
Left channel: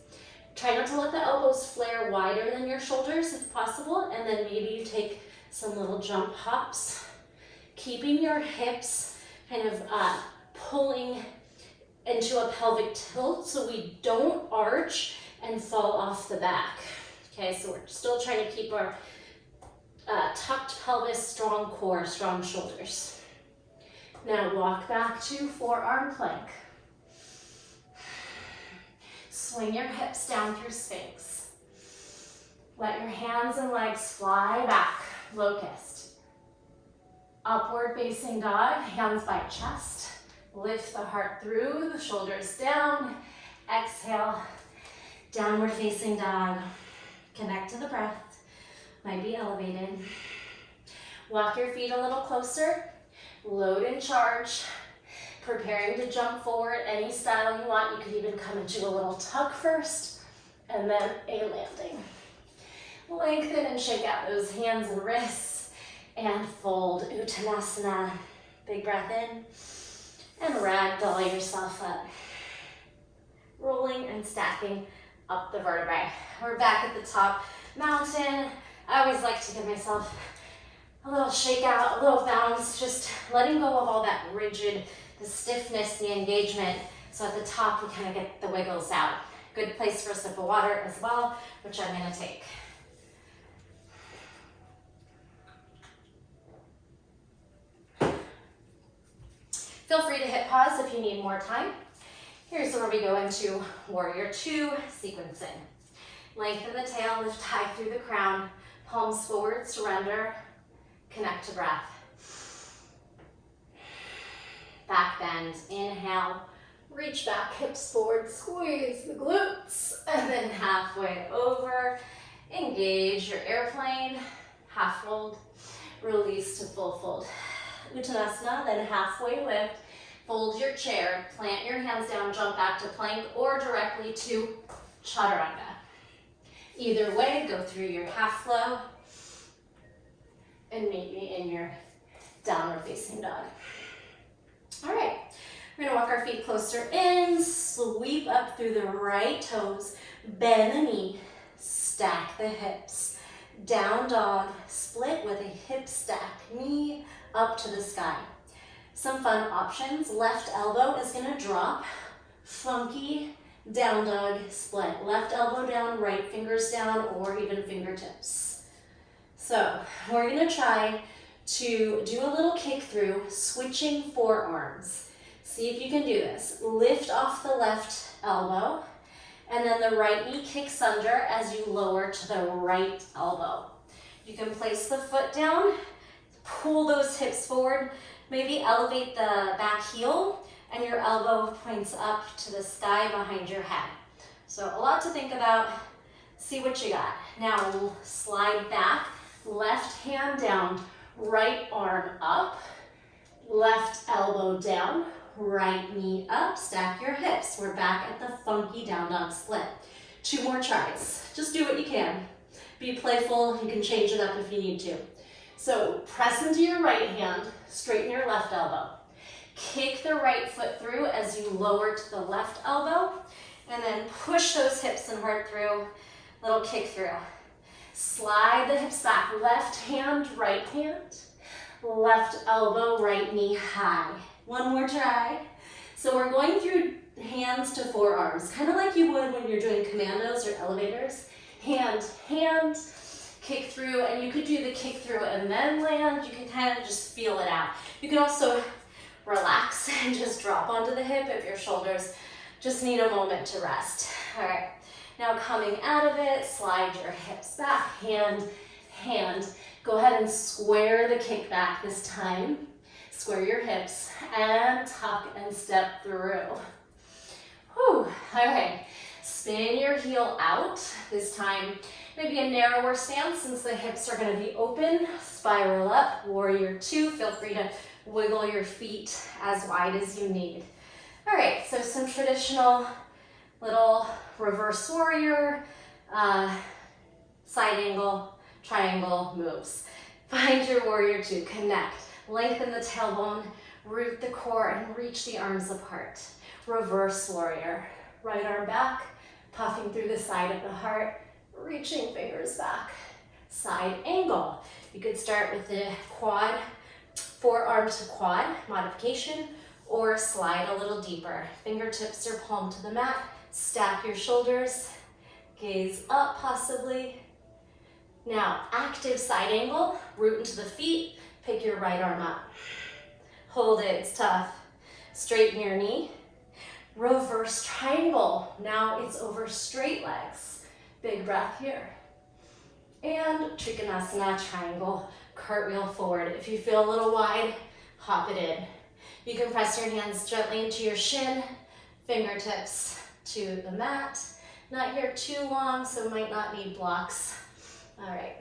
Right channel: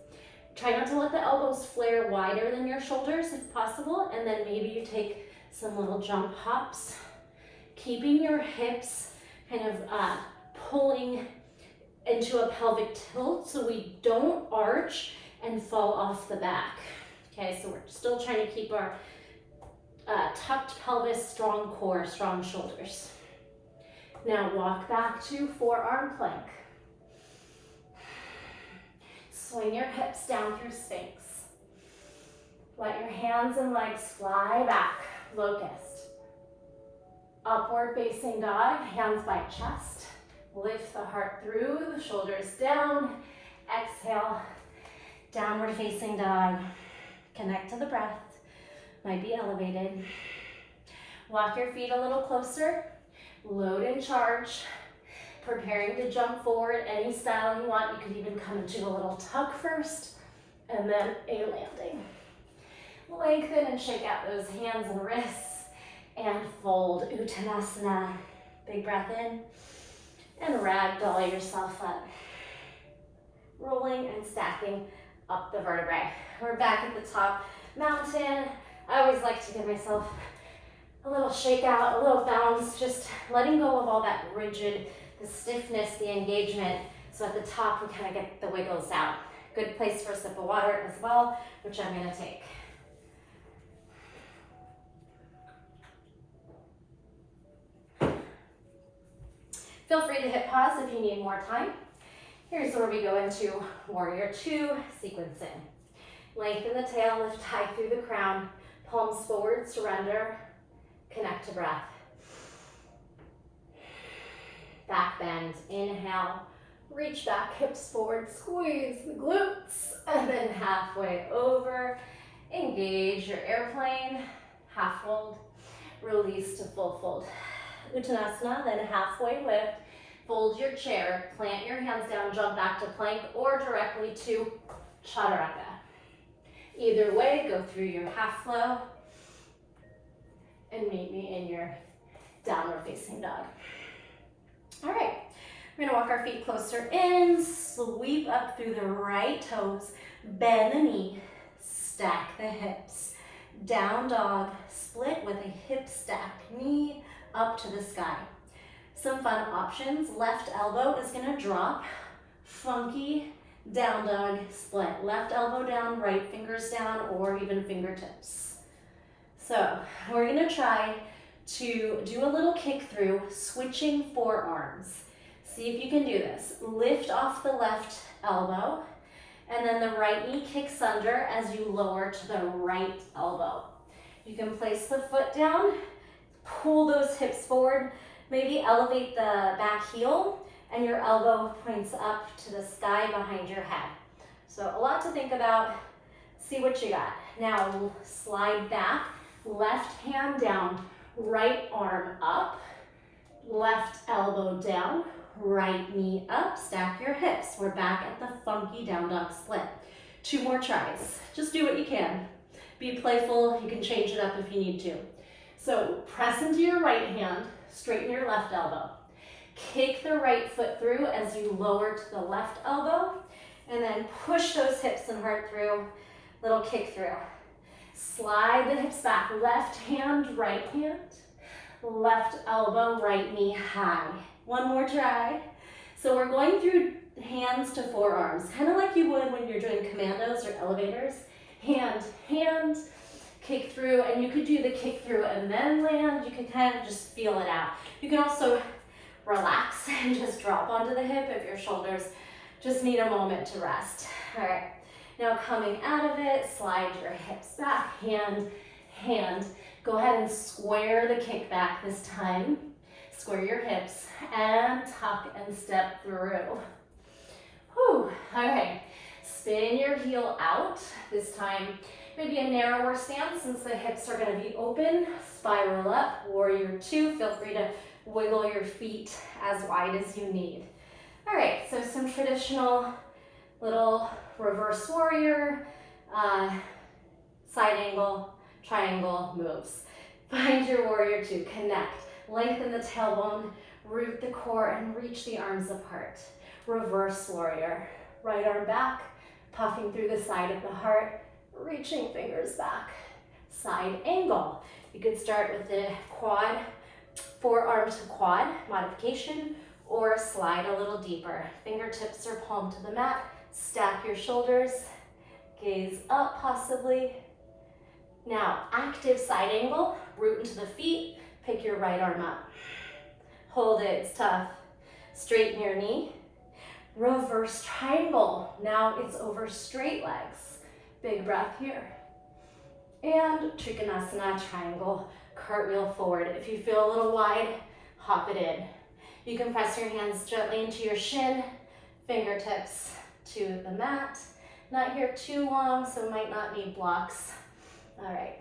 Try not to let the elbows flare wider than your shoulders if possible, and then maybe you take some little jump hops, keeping your hips kind of pulling into a pelvic tilt so we don't arch and fall off the back. Okay, so we're still trying to keep our tucked pelvis, strong core, strong shoulders. Now walk back to forearm plank. Swing your hips down through Sphinx. Let your hands and legs fly back, locust. Upward facing dog, hands by chest. Lift the heart through, the shoulders down. Exhale, downward facing dog. Connect to the breath. Might be elevated. Walk your feet a little closer. Load and charge. Preparing to jump forward any style you want. You could even come into a little tuck first and then a landing. Lengthen and shake out those hands and wrists and fold Uttanasana. Big breath in and ragdoll yourself up. Rolling and stacking up the vertebrae. We're back at the top mountain. I always like to give myself a little shake out, a little bounce, just letting go of all that rigid, the stiffness, the engagement. So at the top, we kind of get the wiggles out. Good place for a sip of water as well, which I'm gonna take. Feel free to hit pause if you need more time. Here's where we go into Warrior Two sequencing. Lengthen the tail, lift high through the crown, palms forward, surrender, connect to breath. Back bend, inhale, reach back, hips forward, squeeze the glutes, and then halfway over, engage your airplane, half fold, release to full fold. Uttanasana, then halfway lift, fold your chair, plant your hands down, jump back to plank, or directly to chaturanga. Either way, go through your half flow and meet me in your downward facing dog. All right, we're gonna walk our feet closer in, sweep up through the right toes, bend the knee, stack the hips. Down dog, split with a hip stack, knee up to the sky. Some fun options, left elbow is gonna drop, funky down dog split. Left elbow down, right fingers down, or even fingertips. So we're gonna try to do a little kick through, switching forearms. See if you can do this. Lift off the left elbow, and then the right knee kicks under as you lower to the right elbow. You can place the foot down, pull those hips forward, maybe elevate the back heel, and your elbow points up to the sky behind your head. So a lot to think about. See what you got. Now slide back, left hand down, right arm up, left elbow down, right knee up, stack your hips. We're back at the funky down dog split. 2 more tries. Just do what you can. Be playful, you can change it up if you need to. So press into your right hand, straighten your left elbow. Kick the right foot through as you lower to the left elbow, and then push those hips and heart through, little kick through. Slide the hips back, left hand, right hand, left elbow, right knee high. 1 more try. So we're going through hands to forearms, kind of like you would when you're doing commandos or elevators. Hand, hand, kick through, and you could do the kick through and then land. You can kind of just feel it out. You can also relax and just drop onto the hip if your shoulders just need a moment to rest. All right, now coming out of it, slide your hips back, hand, hand. Go ahead and square the kick back this time. Square your hips and tuck and step through. Whew. All right, spin your heel out. This time, maybe a narrower stance since the hips are going to be open. Spiral up, warrior 2. Feel free to wiggle your feet as wide as you need. All right, so some traditional little reverse warrior, side angle, triangle moves. Find your warrior 2, connect. Lengthen the tailbone, root the core, and reach the arms apart. Reverse warrior. Right arm back, puffing through the side of the heart, reaching fingers back. Side angle. You could start with the quad, forearm to quad modification, or slide a little deeper. Fingertips or palm to the mat. Stack your shoulders, gaze up possibly. Now, active side angle, root into the feet. Pick your right arm up. Hold it, it's tough. Straighten your knee. Reverse triangle. Now it's over straight legs. Big breath here. And Trikonasana triangle, cartwheel forward. If you feel a little wide, hop it in. You can press your hands gently into your shin, fingertips to the mat. Not here too long, so might not need blocks. All right.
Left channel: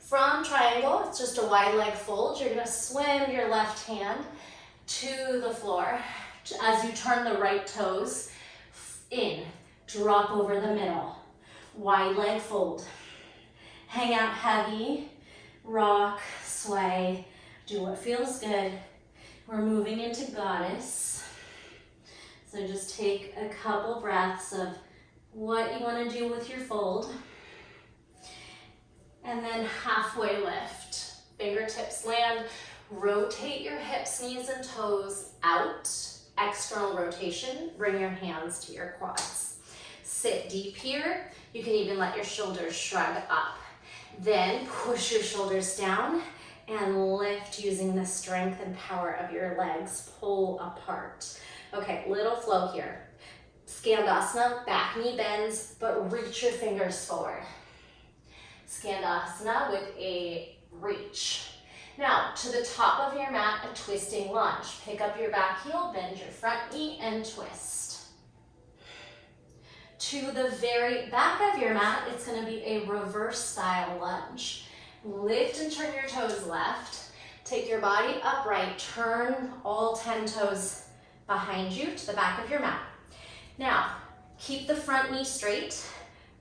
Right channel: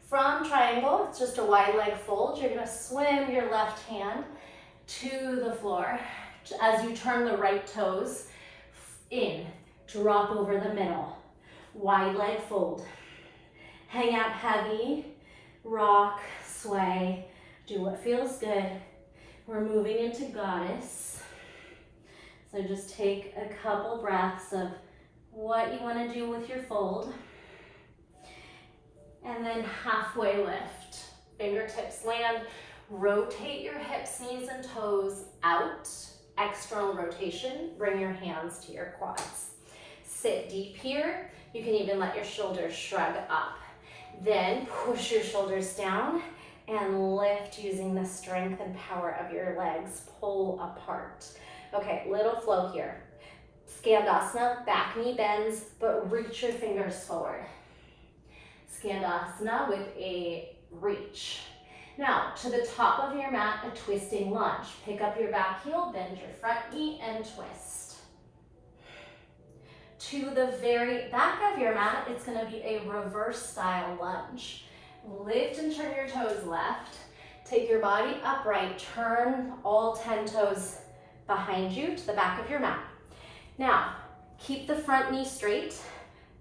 From triangle, it's just a wide leg fold. You're gonna swim your left hand to the floor as you turn the right toes in. Drop over the middle. Wide leg fold. Hang out heavy, rock, sway, do what feels good. We're moving into goddess. So just take a couple breaths of what you wanna do with your fold. And then halfway lift. Fingertips land. Rotate your hips, knees, and toes out. External rotation. Bring your hands to your quads. Sit deep here. You can even let your shoulders shrug up. Then push your shoulders down and lift using the strength and power of your legs. Pull apart. Okay, little flow here. Skandasana, back knee bends, but reach your fingers forward. Skandasana with a reach. Now, to the top of your mat, a twisting lunge. Pick up your back heel, bend your front knee, and twist. To the very back of your mat, it's gonna be a reverse style lunge. Lift and turn your toes left. Take your body upright, turn all 10 toes behind you to the back of your mat. Now, keep the front knee straight.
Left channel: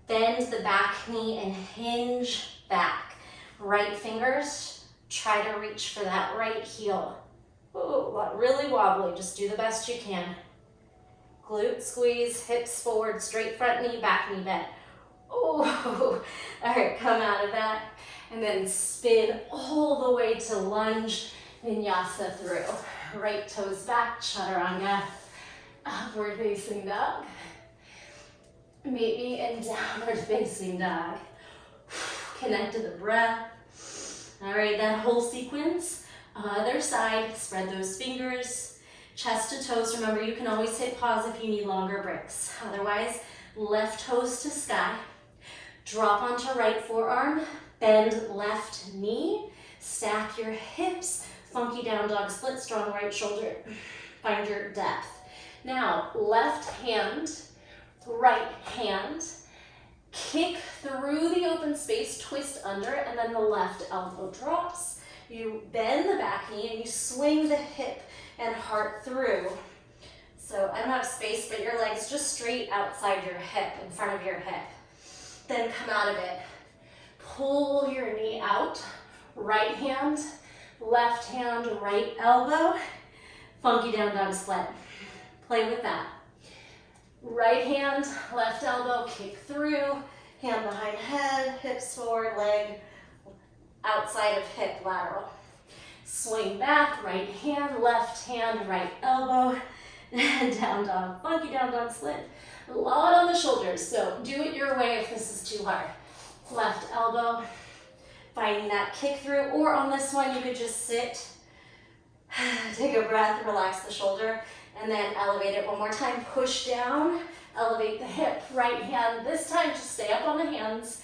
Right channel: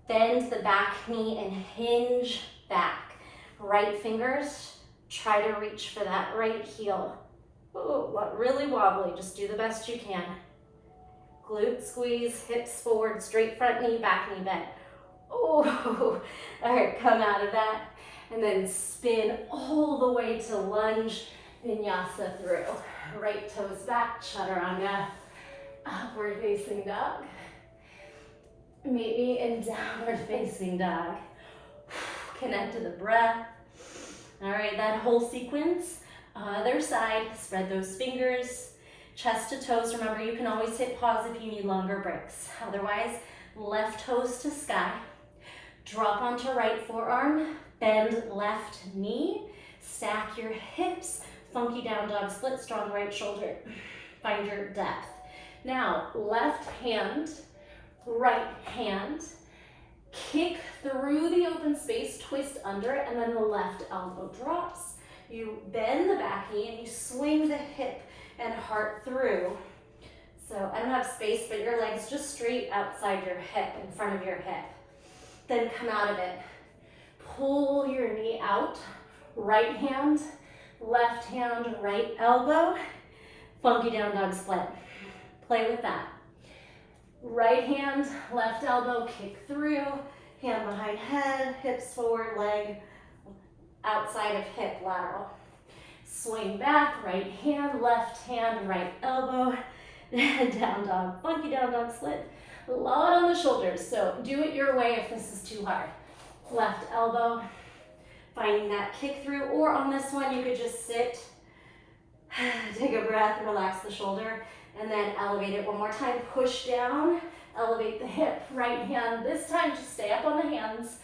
Bend the back knee and hinge back. Right fingers, try to reach for that right heel. Ooh, really wobbly, just do the best you can. Glute squeeze, hips forward, straight front knee, back knee bent. Oh, all right, come out of that. And then spin all the way to lunge vinyasa through. Right toes back, chaturanga, upward facing dog. Meet me in downward facing dog. Connect to the breath. All right, that whole sequence Other side, spread those fingers, chest to toes. Remember, you can always hit pause if you need longer breaks. Otherwise, left toes to sky. Drop onto right forearm, bend left knee, stack your hips, funky down dog split, strong right shoulder. Find your depth. Now, left hand, right hand, kick through the open space, twist under, and then the left elbow drops. You bend the back knee and you swing the hip and heart through. So I don't have space, but your leg's just straight outside your hip, in front of your hip. Then come out of it. Pull your knee out, right hand, left hand, right elbow, funky down dog split. Play with that. Right hand, left elbow, kick through, hand behind head, hips forward, leg outside of hip, lateral. Swing back, right hand, right elbow, down dog, funky down dog split. A lot on the shoulders, so do it your way if this is too hard. Left elbow, finding that kick through, or on this one you could just sit, take a breath, relax the shoulder, and then elevate it one more time. Push down, elevate the hip, right hand. This time just stay up on the hands,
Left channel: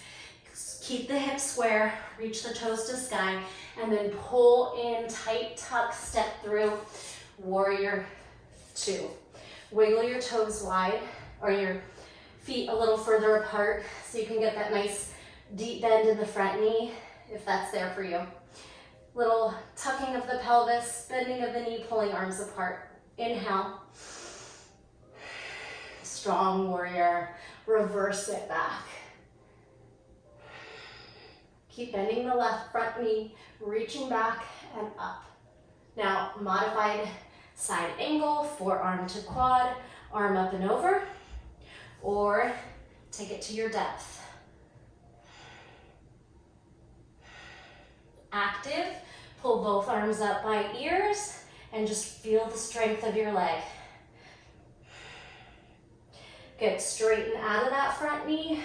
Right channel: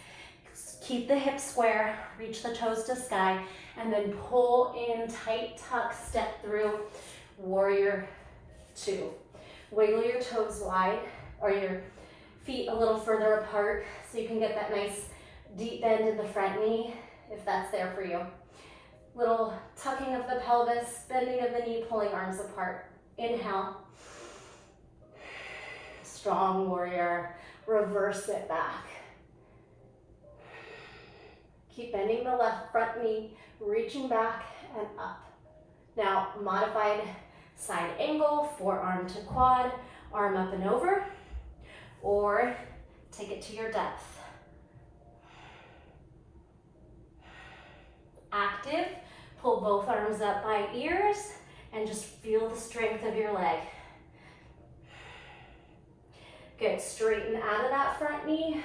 keep the hips square, reach the toes to sky, and then pull in, tight tuck, step through, warrior two. Wiggle your toes wide, or your feet a little further apart so you can get that nice deep bend in the front knee, if that's there for you. Little tucking of the pelvis, bending of the knee, pulling arms apart. Inhale. Strong warrior. Reverse it back. Keep bending the left front knee, reaching back and up. Now, modified side angle, forearm to quad, arm up and over, or take it to your depth. Active, pull both arms up by ears and just feel the strength of your leg. Good, straighten out of that front knee,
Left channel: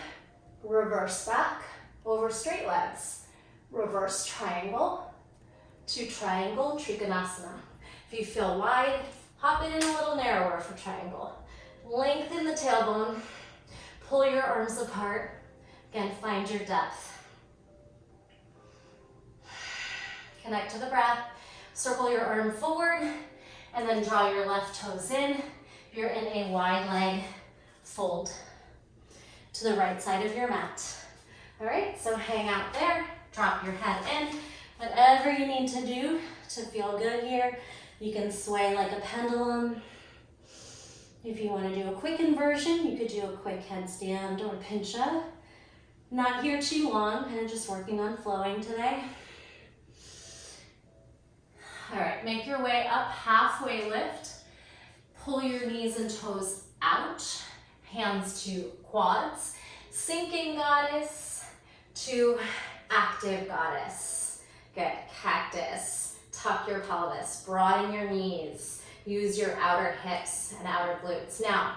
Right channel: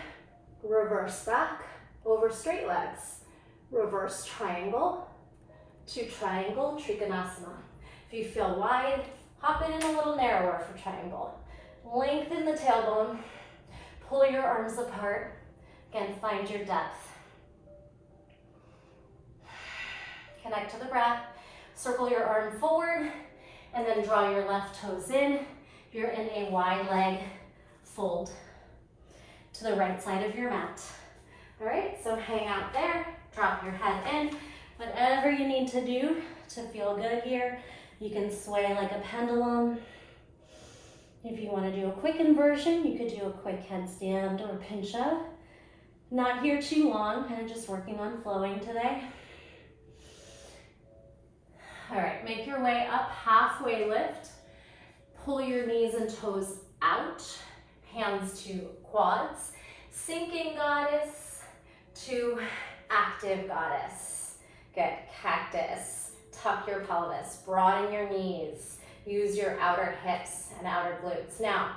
reverse back, over straight legs. Reverse triangle to triangle, Trikonasana. If you feel wide, hop it in a little narrower for triangle. Lengthen the tailbone, pull your arms apart. Again, find your depth. Connect to the breath, circle your arm forward, and then draw your left toes in. If you're in a wide leg fold to the right side of your mat. All right, so hang out there, drop your head in. Whatever you need to do to feel good here, you can sway like a pendulum. If you want to do a quick inversion, you could do a quick headstand or pinch up. Not here too long, kind of just working on flowing today. All right, make your way up, halfway lift. Pull your knees and toes out, hands to quads. Sinking goddess to active goddess. Good, cactus. Tuck your pelvis, broaden your knees. Use your outer hips and outer glutes. Now,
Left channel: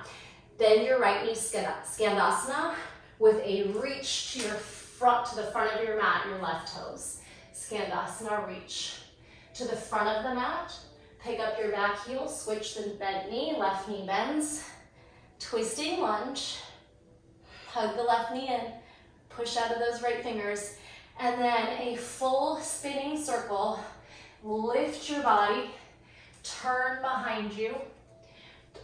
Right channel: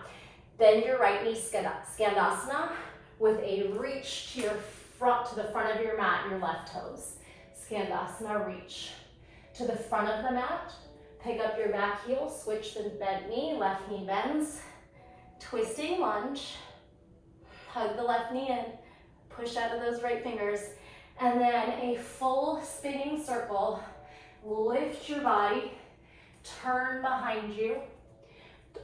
bend your right knee, Skandasana, with a reach to the front of your mat, your left toes. Skandasana, reach to the front of the mat. Pick up your back heel, switch the bent knee, left knee bends. Twisting lunge. Hug the left knee in, push out of those right fingers, and then a full spinning circle. Lift your body, turn behind you,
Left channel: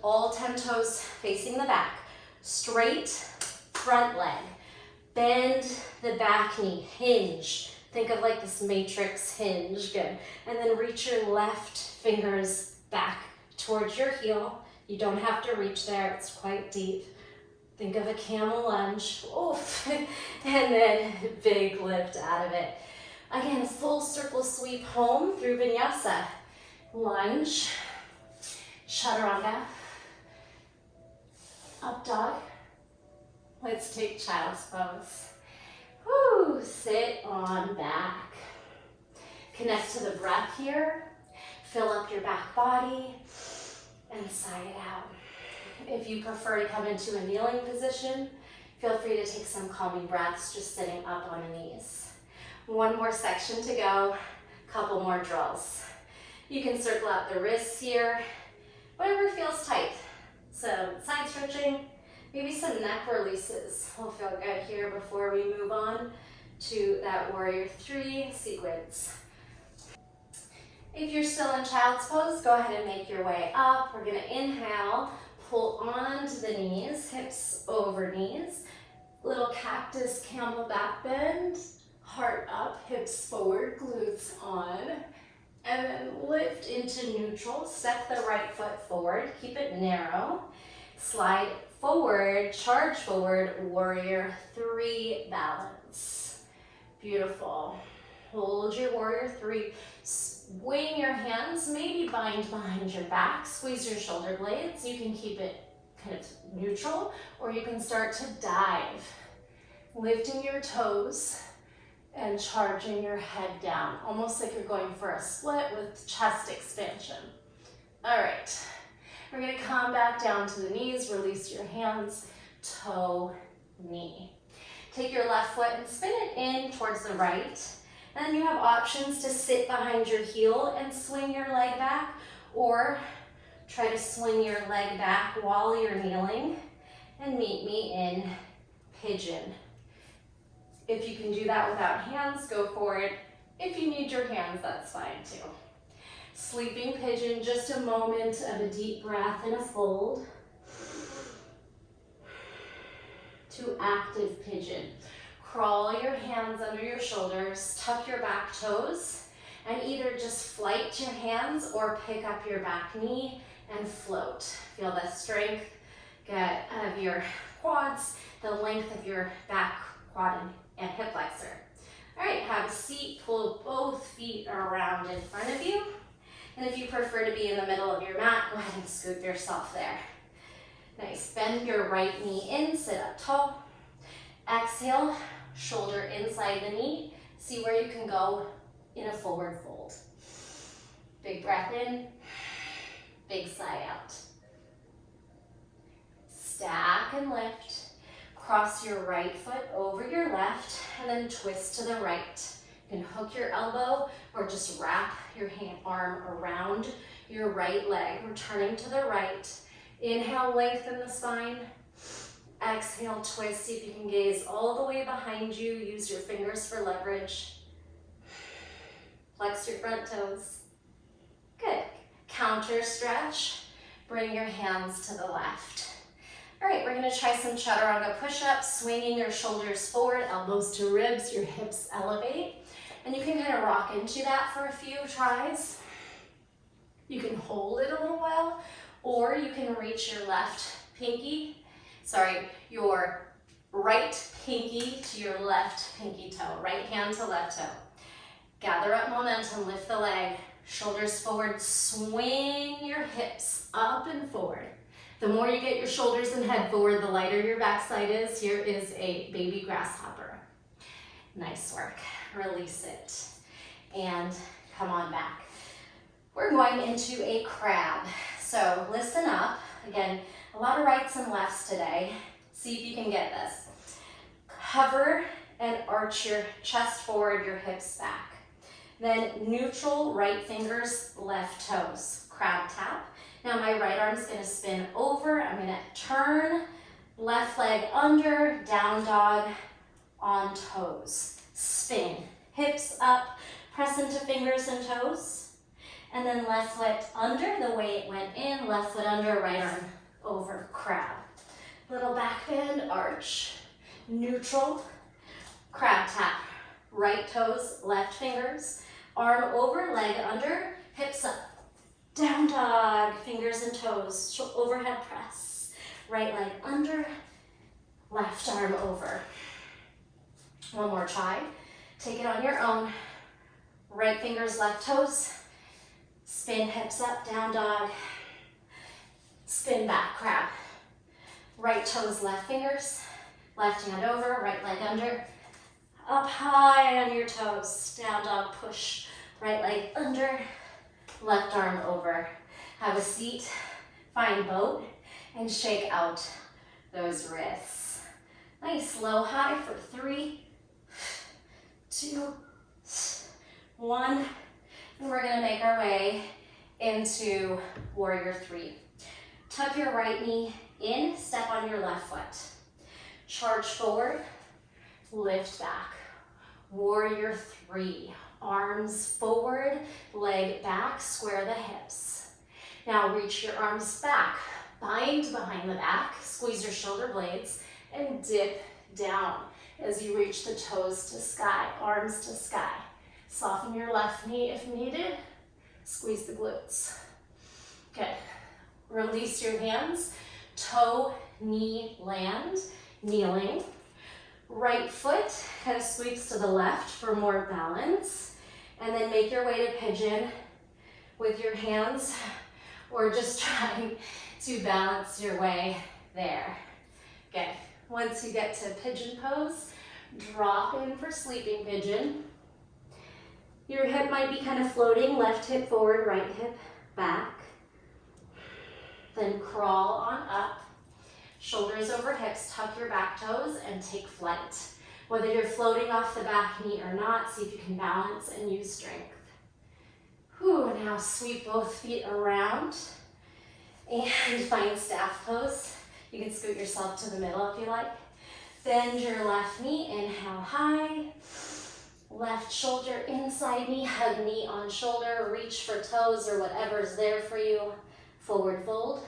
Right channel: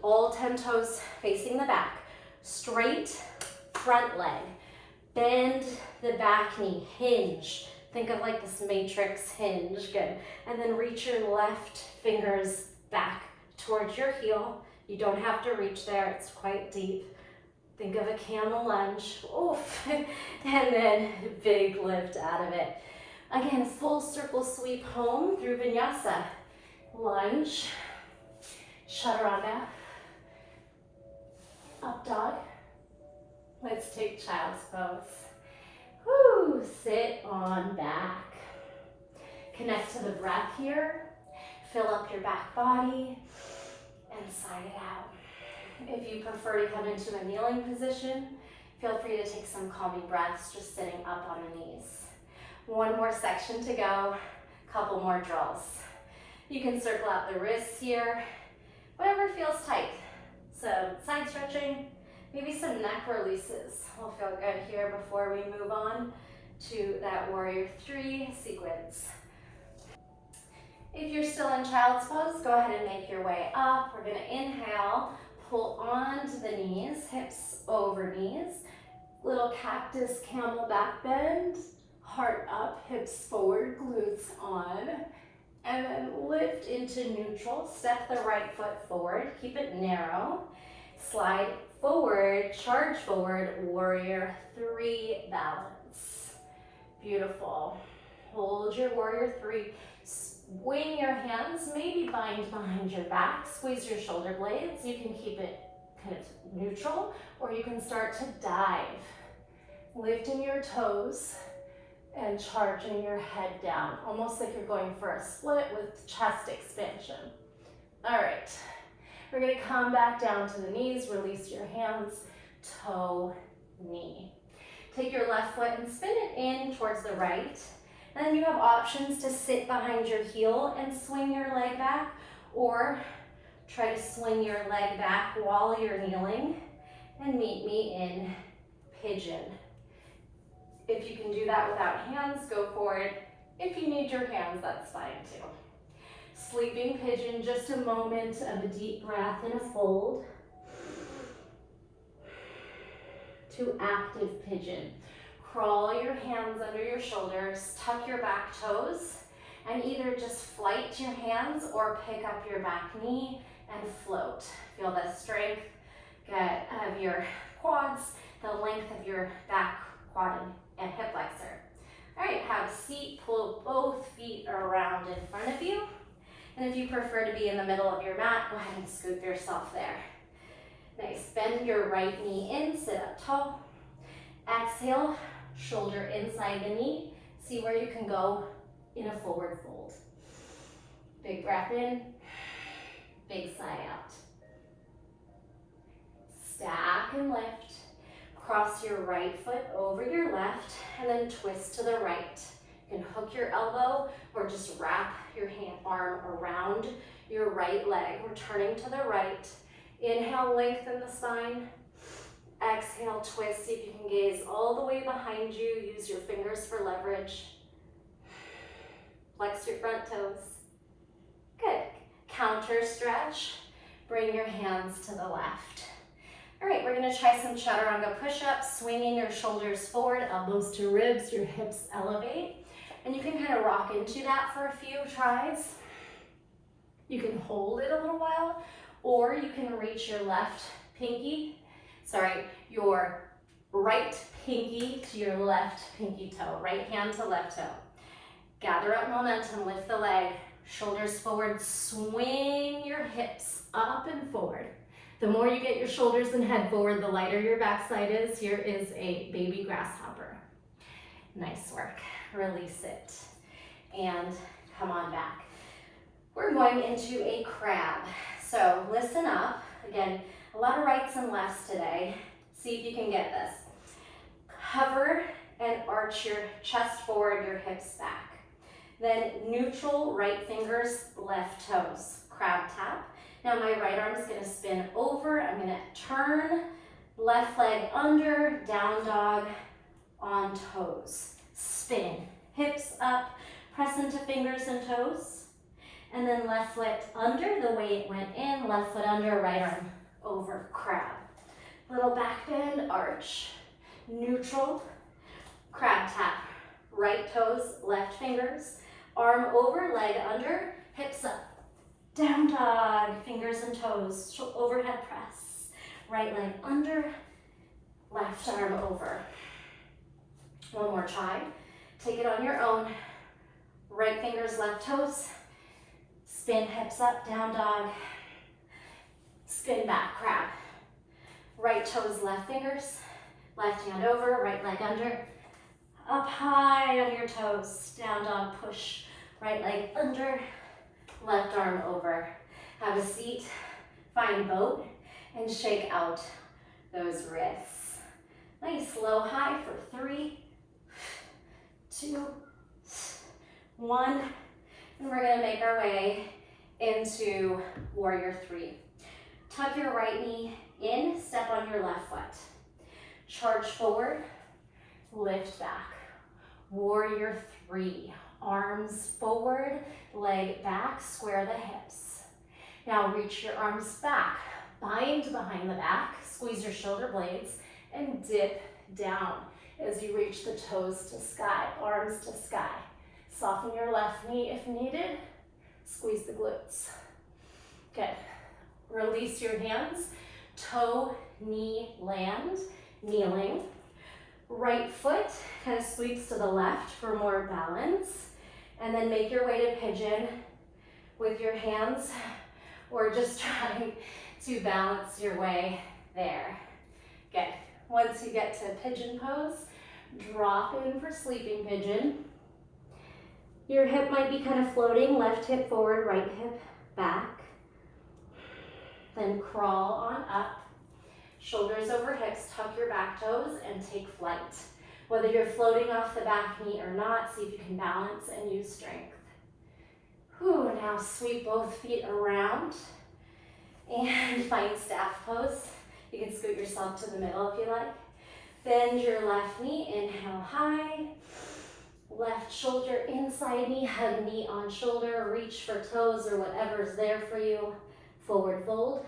all 10 toes facing the back. Straight front leg, bend the back knee, hinge. Think of like this matrix hinge, good. And then reach your left fingers back towards your heel. You don't have to reach there, it's quite deep. Think of a camel lunge, oof, and then big lift out of it. Again, full circle sweep home through vinyasa. Lunge, chaturanga, up dog. Let's take child's pose. Woo, sit on back. Connect to the breath here. Fill up your back body and sigh it out. If you prefer to come into a kneeling position, feel free to take some calming breaths, just sitting up on the knees. One more section to go, couple more drills. You can circle out the wrists here, whatever feels tight. Some side stretching, maybe some neck releases will feel good here before we move on to that warrior three sequence. If you're still in child's pose, go ahead and make your way up. We're gonna inhale, pull onto the knees, hips over knees. Little cactus camel back bend, heart up, hips forward, glutes on. And then lift into neutral, step the right foot forward, keep it narrow. Slide forward, charge forward, warrior three balance. Beautiful. Hold your warrior three. Swing your hands, maybe bind behind your back, squeeze your shoulder blades. You can keep it kind of neutral, or you can start to dive. Lifting your toes and charging your head down, almost like you're going for a split with chest expansion. All right, we're gonna come back down to the knees, release your hands, toe, knee. Take your left foot and spin it in towards the right. And then you have options to sit behind your heel and swing your leg back, or try to swing your leg back while you're kneeling and meet me in pigeon. If you can do that without hands, go for it. If you need your hands, that's fine too. Sleeping pigeon, just a moment of a deep breath and a fold. To active pigeon. Crawl your hands under your shoulders, tuck your back toes, and either just flight your hands or pick up your back knee and float. Feel the strength of your quads, the length of your back quad and hip flexor. All right, have a seat, pull both feet around in front of you. And if you prefer to be in the middle of your mat, go ahead and scoop yourself there. Nice, bend your right knee in, sit up tall. Exhale, shoulder inside the knee. See where you can go in a forward fold. Big breath in, big sigh out. Stack and lift. Cross your right foot over your left and then twist to the right. You can hook your elbow or just wrap your arm around your right leg. Returning to the right. Inhale, lengthen the spine. Exhale, twist. See if you can gaze all the way behind you. Use your fingers for leverage. Flex your front toes. Good. Counter stretch. Bring your hands to the left. All right, we're gonna try some chaturanga push-ups, swinging your shoulders forward, elbows to ribs, your hips elevate. And you can kind of rock into that for a few tries. You can hold it a little while, or you can reach your your right pinky to your left pinky toe, right hand to left toe. Gather up momentum, lift the leg, shoulders forward, swing your hips up and forward. The more you get your shoulders and head forward, the lighter your backside is. Here is a baby grasshopper. Nice work. Release it. And come on back. We're going into a crab. So listen up. Again, a lot of rights and lefts today. See if you can get this. Hover and arch your chest forward, your hips back. Then neutral right fingers, left toes. Crab tap. Now my right arm is going to spin over. I'm going to turn left leg under, down dog on toes. Spin, hips up, press into fingers and toes. And then left foot under the way it went in, left foot under, right arm over, crab. Little back bend, arch, neutral, crab tap. Right toes, left fingers, arm over, leg under, hips up. Down dog, fingers and toes, overhead press. Right leg under, left arm over. One more try. Take it on your own. Right fingers, left toes. Spin hips up, down dog. Spin back, crab. Right toes, left fingers. Left hand over, right leg under. Up high on your toes, down dog, push. Right leg under. Left arm over. Have a seat, find boat, and shake out those wrists. Nice, low high for 3, 2, 1. And we're gonna make our way into warrior three. Tuck your right knee in, step on your left foot. Charge forward, lift back. Warrior three, arms forward, leg back, square the hips. Now reach your arms back, bind behind the back, squeeze your shoulder blades, and dip down as you reach the toes to sky, arms to sky. Soften your left knee if needed, squeeze the glutes. Good. Release your hands, toe, knee, land, kneeling. Right foot kind of sweeps to the left for more balance. And then make your way to pigeon with your hands, or just trying to balance your way there. Good. Once you get to pigeon pose, drop in for sleeping pigeon. Your hip might be kind of floating, left hip forward, right hip back. Then crawl on up. Shoulders over hips, tuck your back toes and take flight. Whether you're floating off the back knee or not, see if you can balance and use strength. Whew, now sweep both feet around and find staff pose. You can scoot yourself to the middle if you like. Bend your left knee, inhale high. Left shoulder inside knee, hug knee on shoulder, reach for toes or whatever's there for you. Forward fold.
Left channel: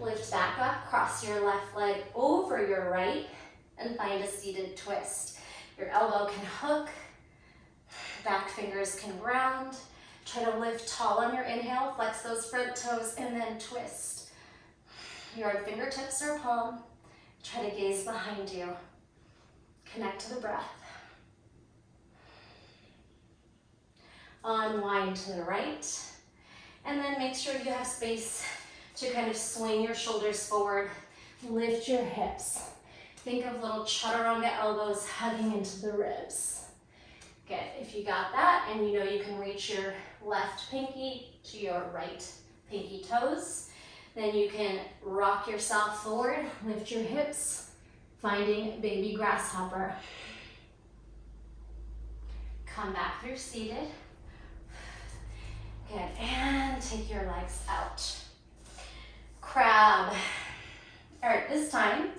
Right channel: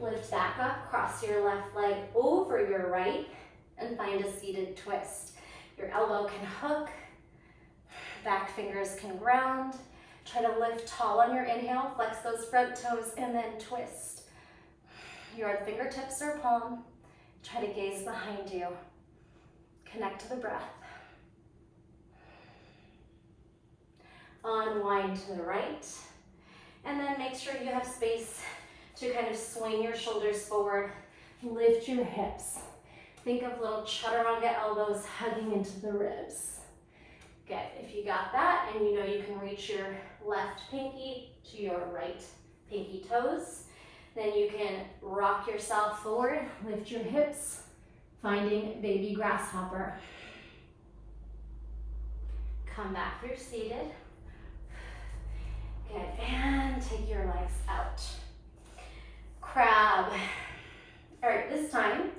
Lift back up, cross your left leg over your right and find a seated twist. Your elbow can hook, back fingers can ground. Try to lift tall on your inhale, flex those front toes and then twist. Your fingertips or palm, try to gaze behind you. Connect to the breath. Unwind to the right. And then make sure you have space to kind of swing your shoulders forward. Lift your hips. Think of little chaturanga elbows hugging into the ribs. Good. If you got that and you know you can reach your left pinky to your right pinky toes, then you can rock yourself forward, lift your hips, finding baby grasshopper. Come back through seated. Good, and take your legs out. Crab. All right, this time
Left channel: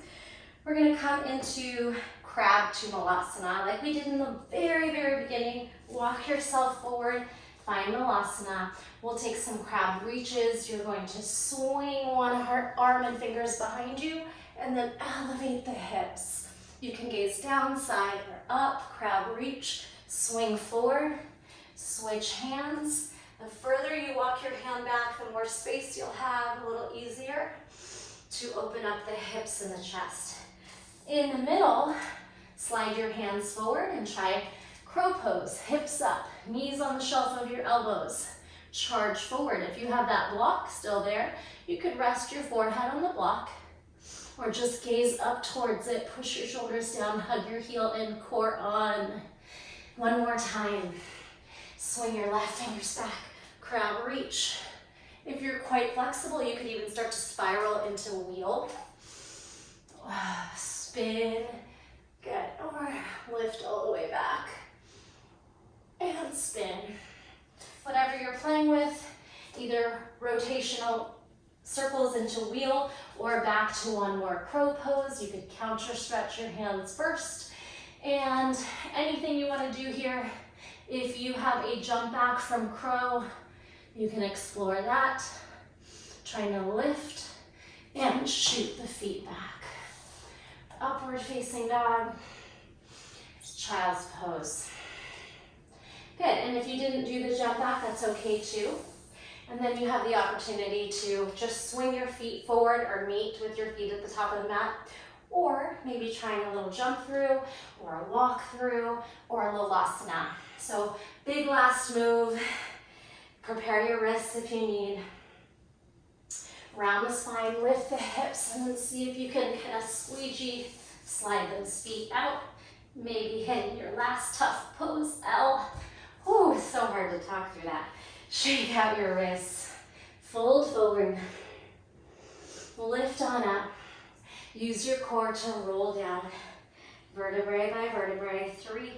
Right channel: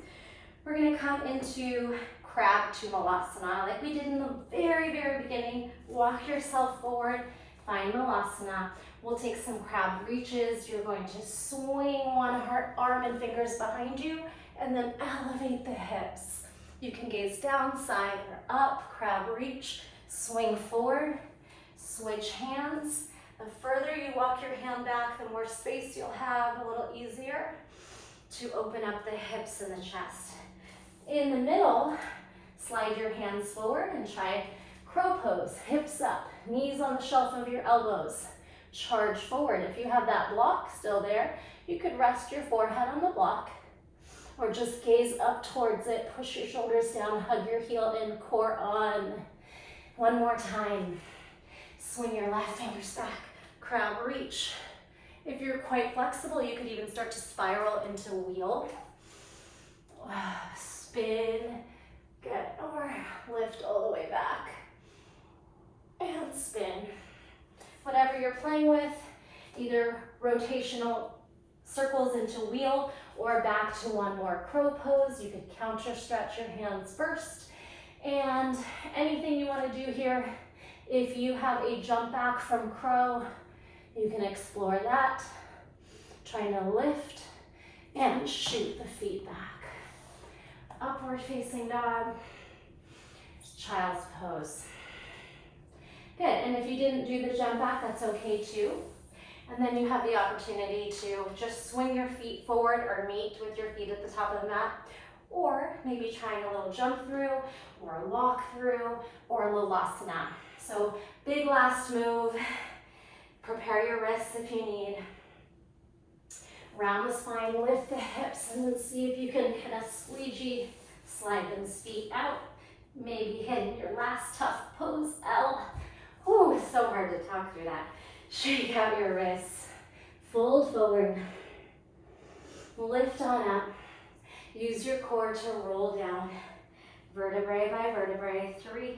we're gonna come into crab to malasana like we did in the very, very beginning. Walk yourself forward, find malasana. We'll take some crab reaches. You're going to swing one arm and fingers behind you and then elevate the hips. You can gaze down, side, or up, crab reach, swing forward, switch hands. The further you walk your hand back, the more space you'll have, a little easier to open up the hips and the chest. In the middle, slide your hands forward and try crow pose, hips up, knees on the shelf of your elbows. Charge forward. If you have that block still there, you could rest your forehead on the block or just gaze up towards it, push your shoulders down, hug your heel in, core on. One more time. Swing your left fingers back, crab reach. If you're quite flexible, you could even start to spiral into wheel. Spin, get, or lift all the way back. And spin. Whatever you're playing with, either rotational circles into wheel or back to one more crow pose. You could counter stretch your hands first. And anything you want to do here, if you have a jump back from crow, you can explore that. Trying to lift and shoot the feet back. Upward facing dog, child's pose. Good, and if you didn't do the jump back, that's okay too. And then you have the opportunity to just swing your feet forward or meet with your feet at the top of the mat, or maybe trying a little jump through, or a walk through, or Lalasana. So big last move. Prepare your wrists if you need. Round the spine, lift the hips, and then see if you can kind of squeegee, slide those feet out. Maybe hit your last tough pose, L. Ooh, it's so hard to talk through that. Shake out your wrists, fold forward, lift on up. Use your core to roll down, vertebrae by vertebrae. 3,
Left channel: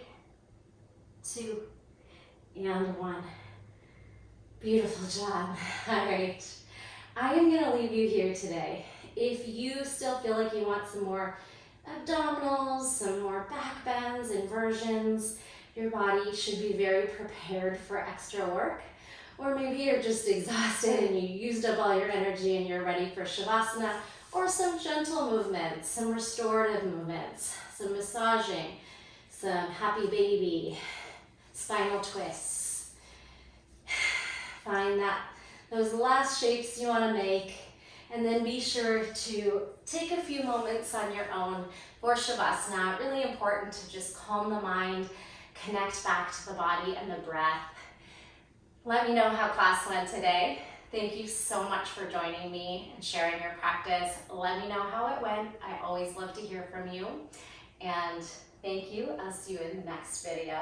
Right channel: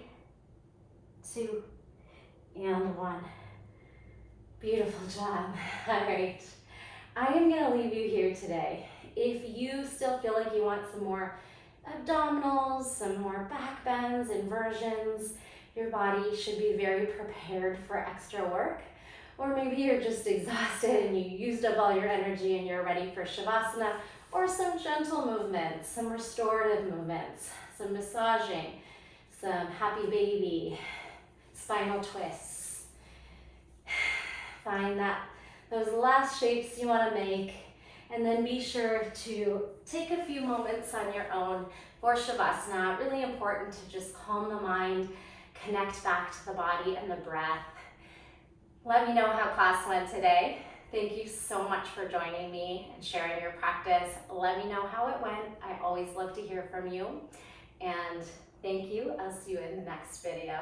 2, and 1. Beautiful job. All right. I am going to leave you here today. If you still feel like you want some more abdominals, some more back bends, inversions, your body should be very prepared for extra work. Or maybe you're just exhausted and you used up all your energy and you're ready for Shavasana, or some gentle movements, some restorative movements, some massaging, some happy baby, spinal twists. Find those last shapes you want to make, and then be sure to take a few moments on your own for Shavasana. Really important to just calm the mind, connect back to the body and the breath. Let me know how class went today. Thank you so much for joining me and sharing your practice. Let me know how it went. I always love to hear from you. And thank you. I'll see you in the next video.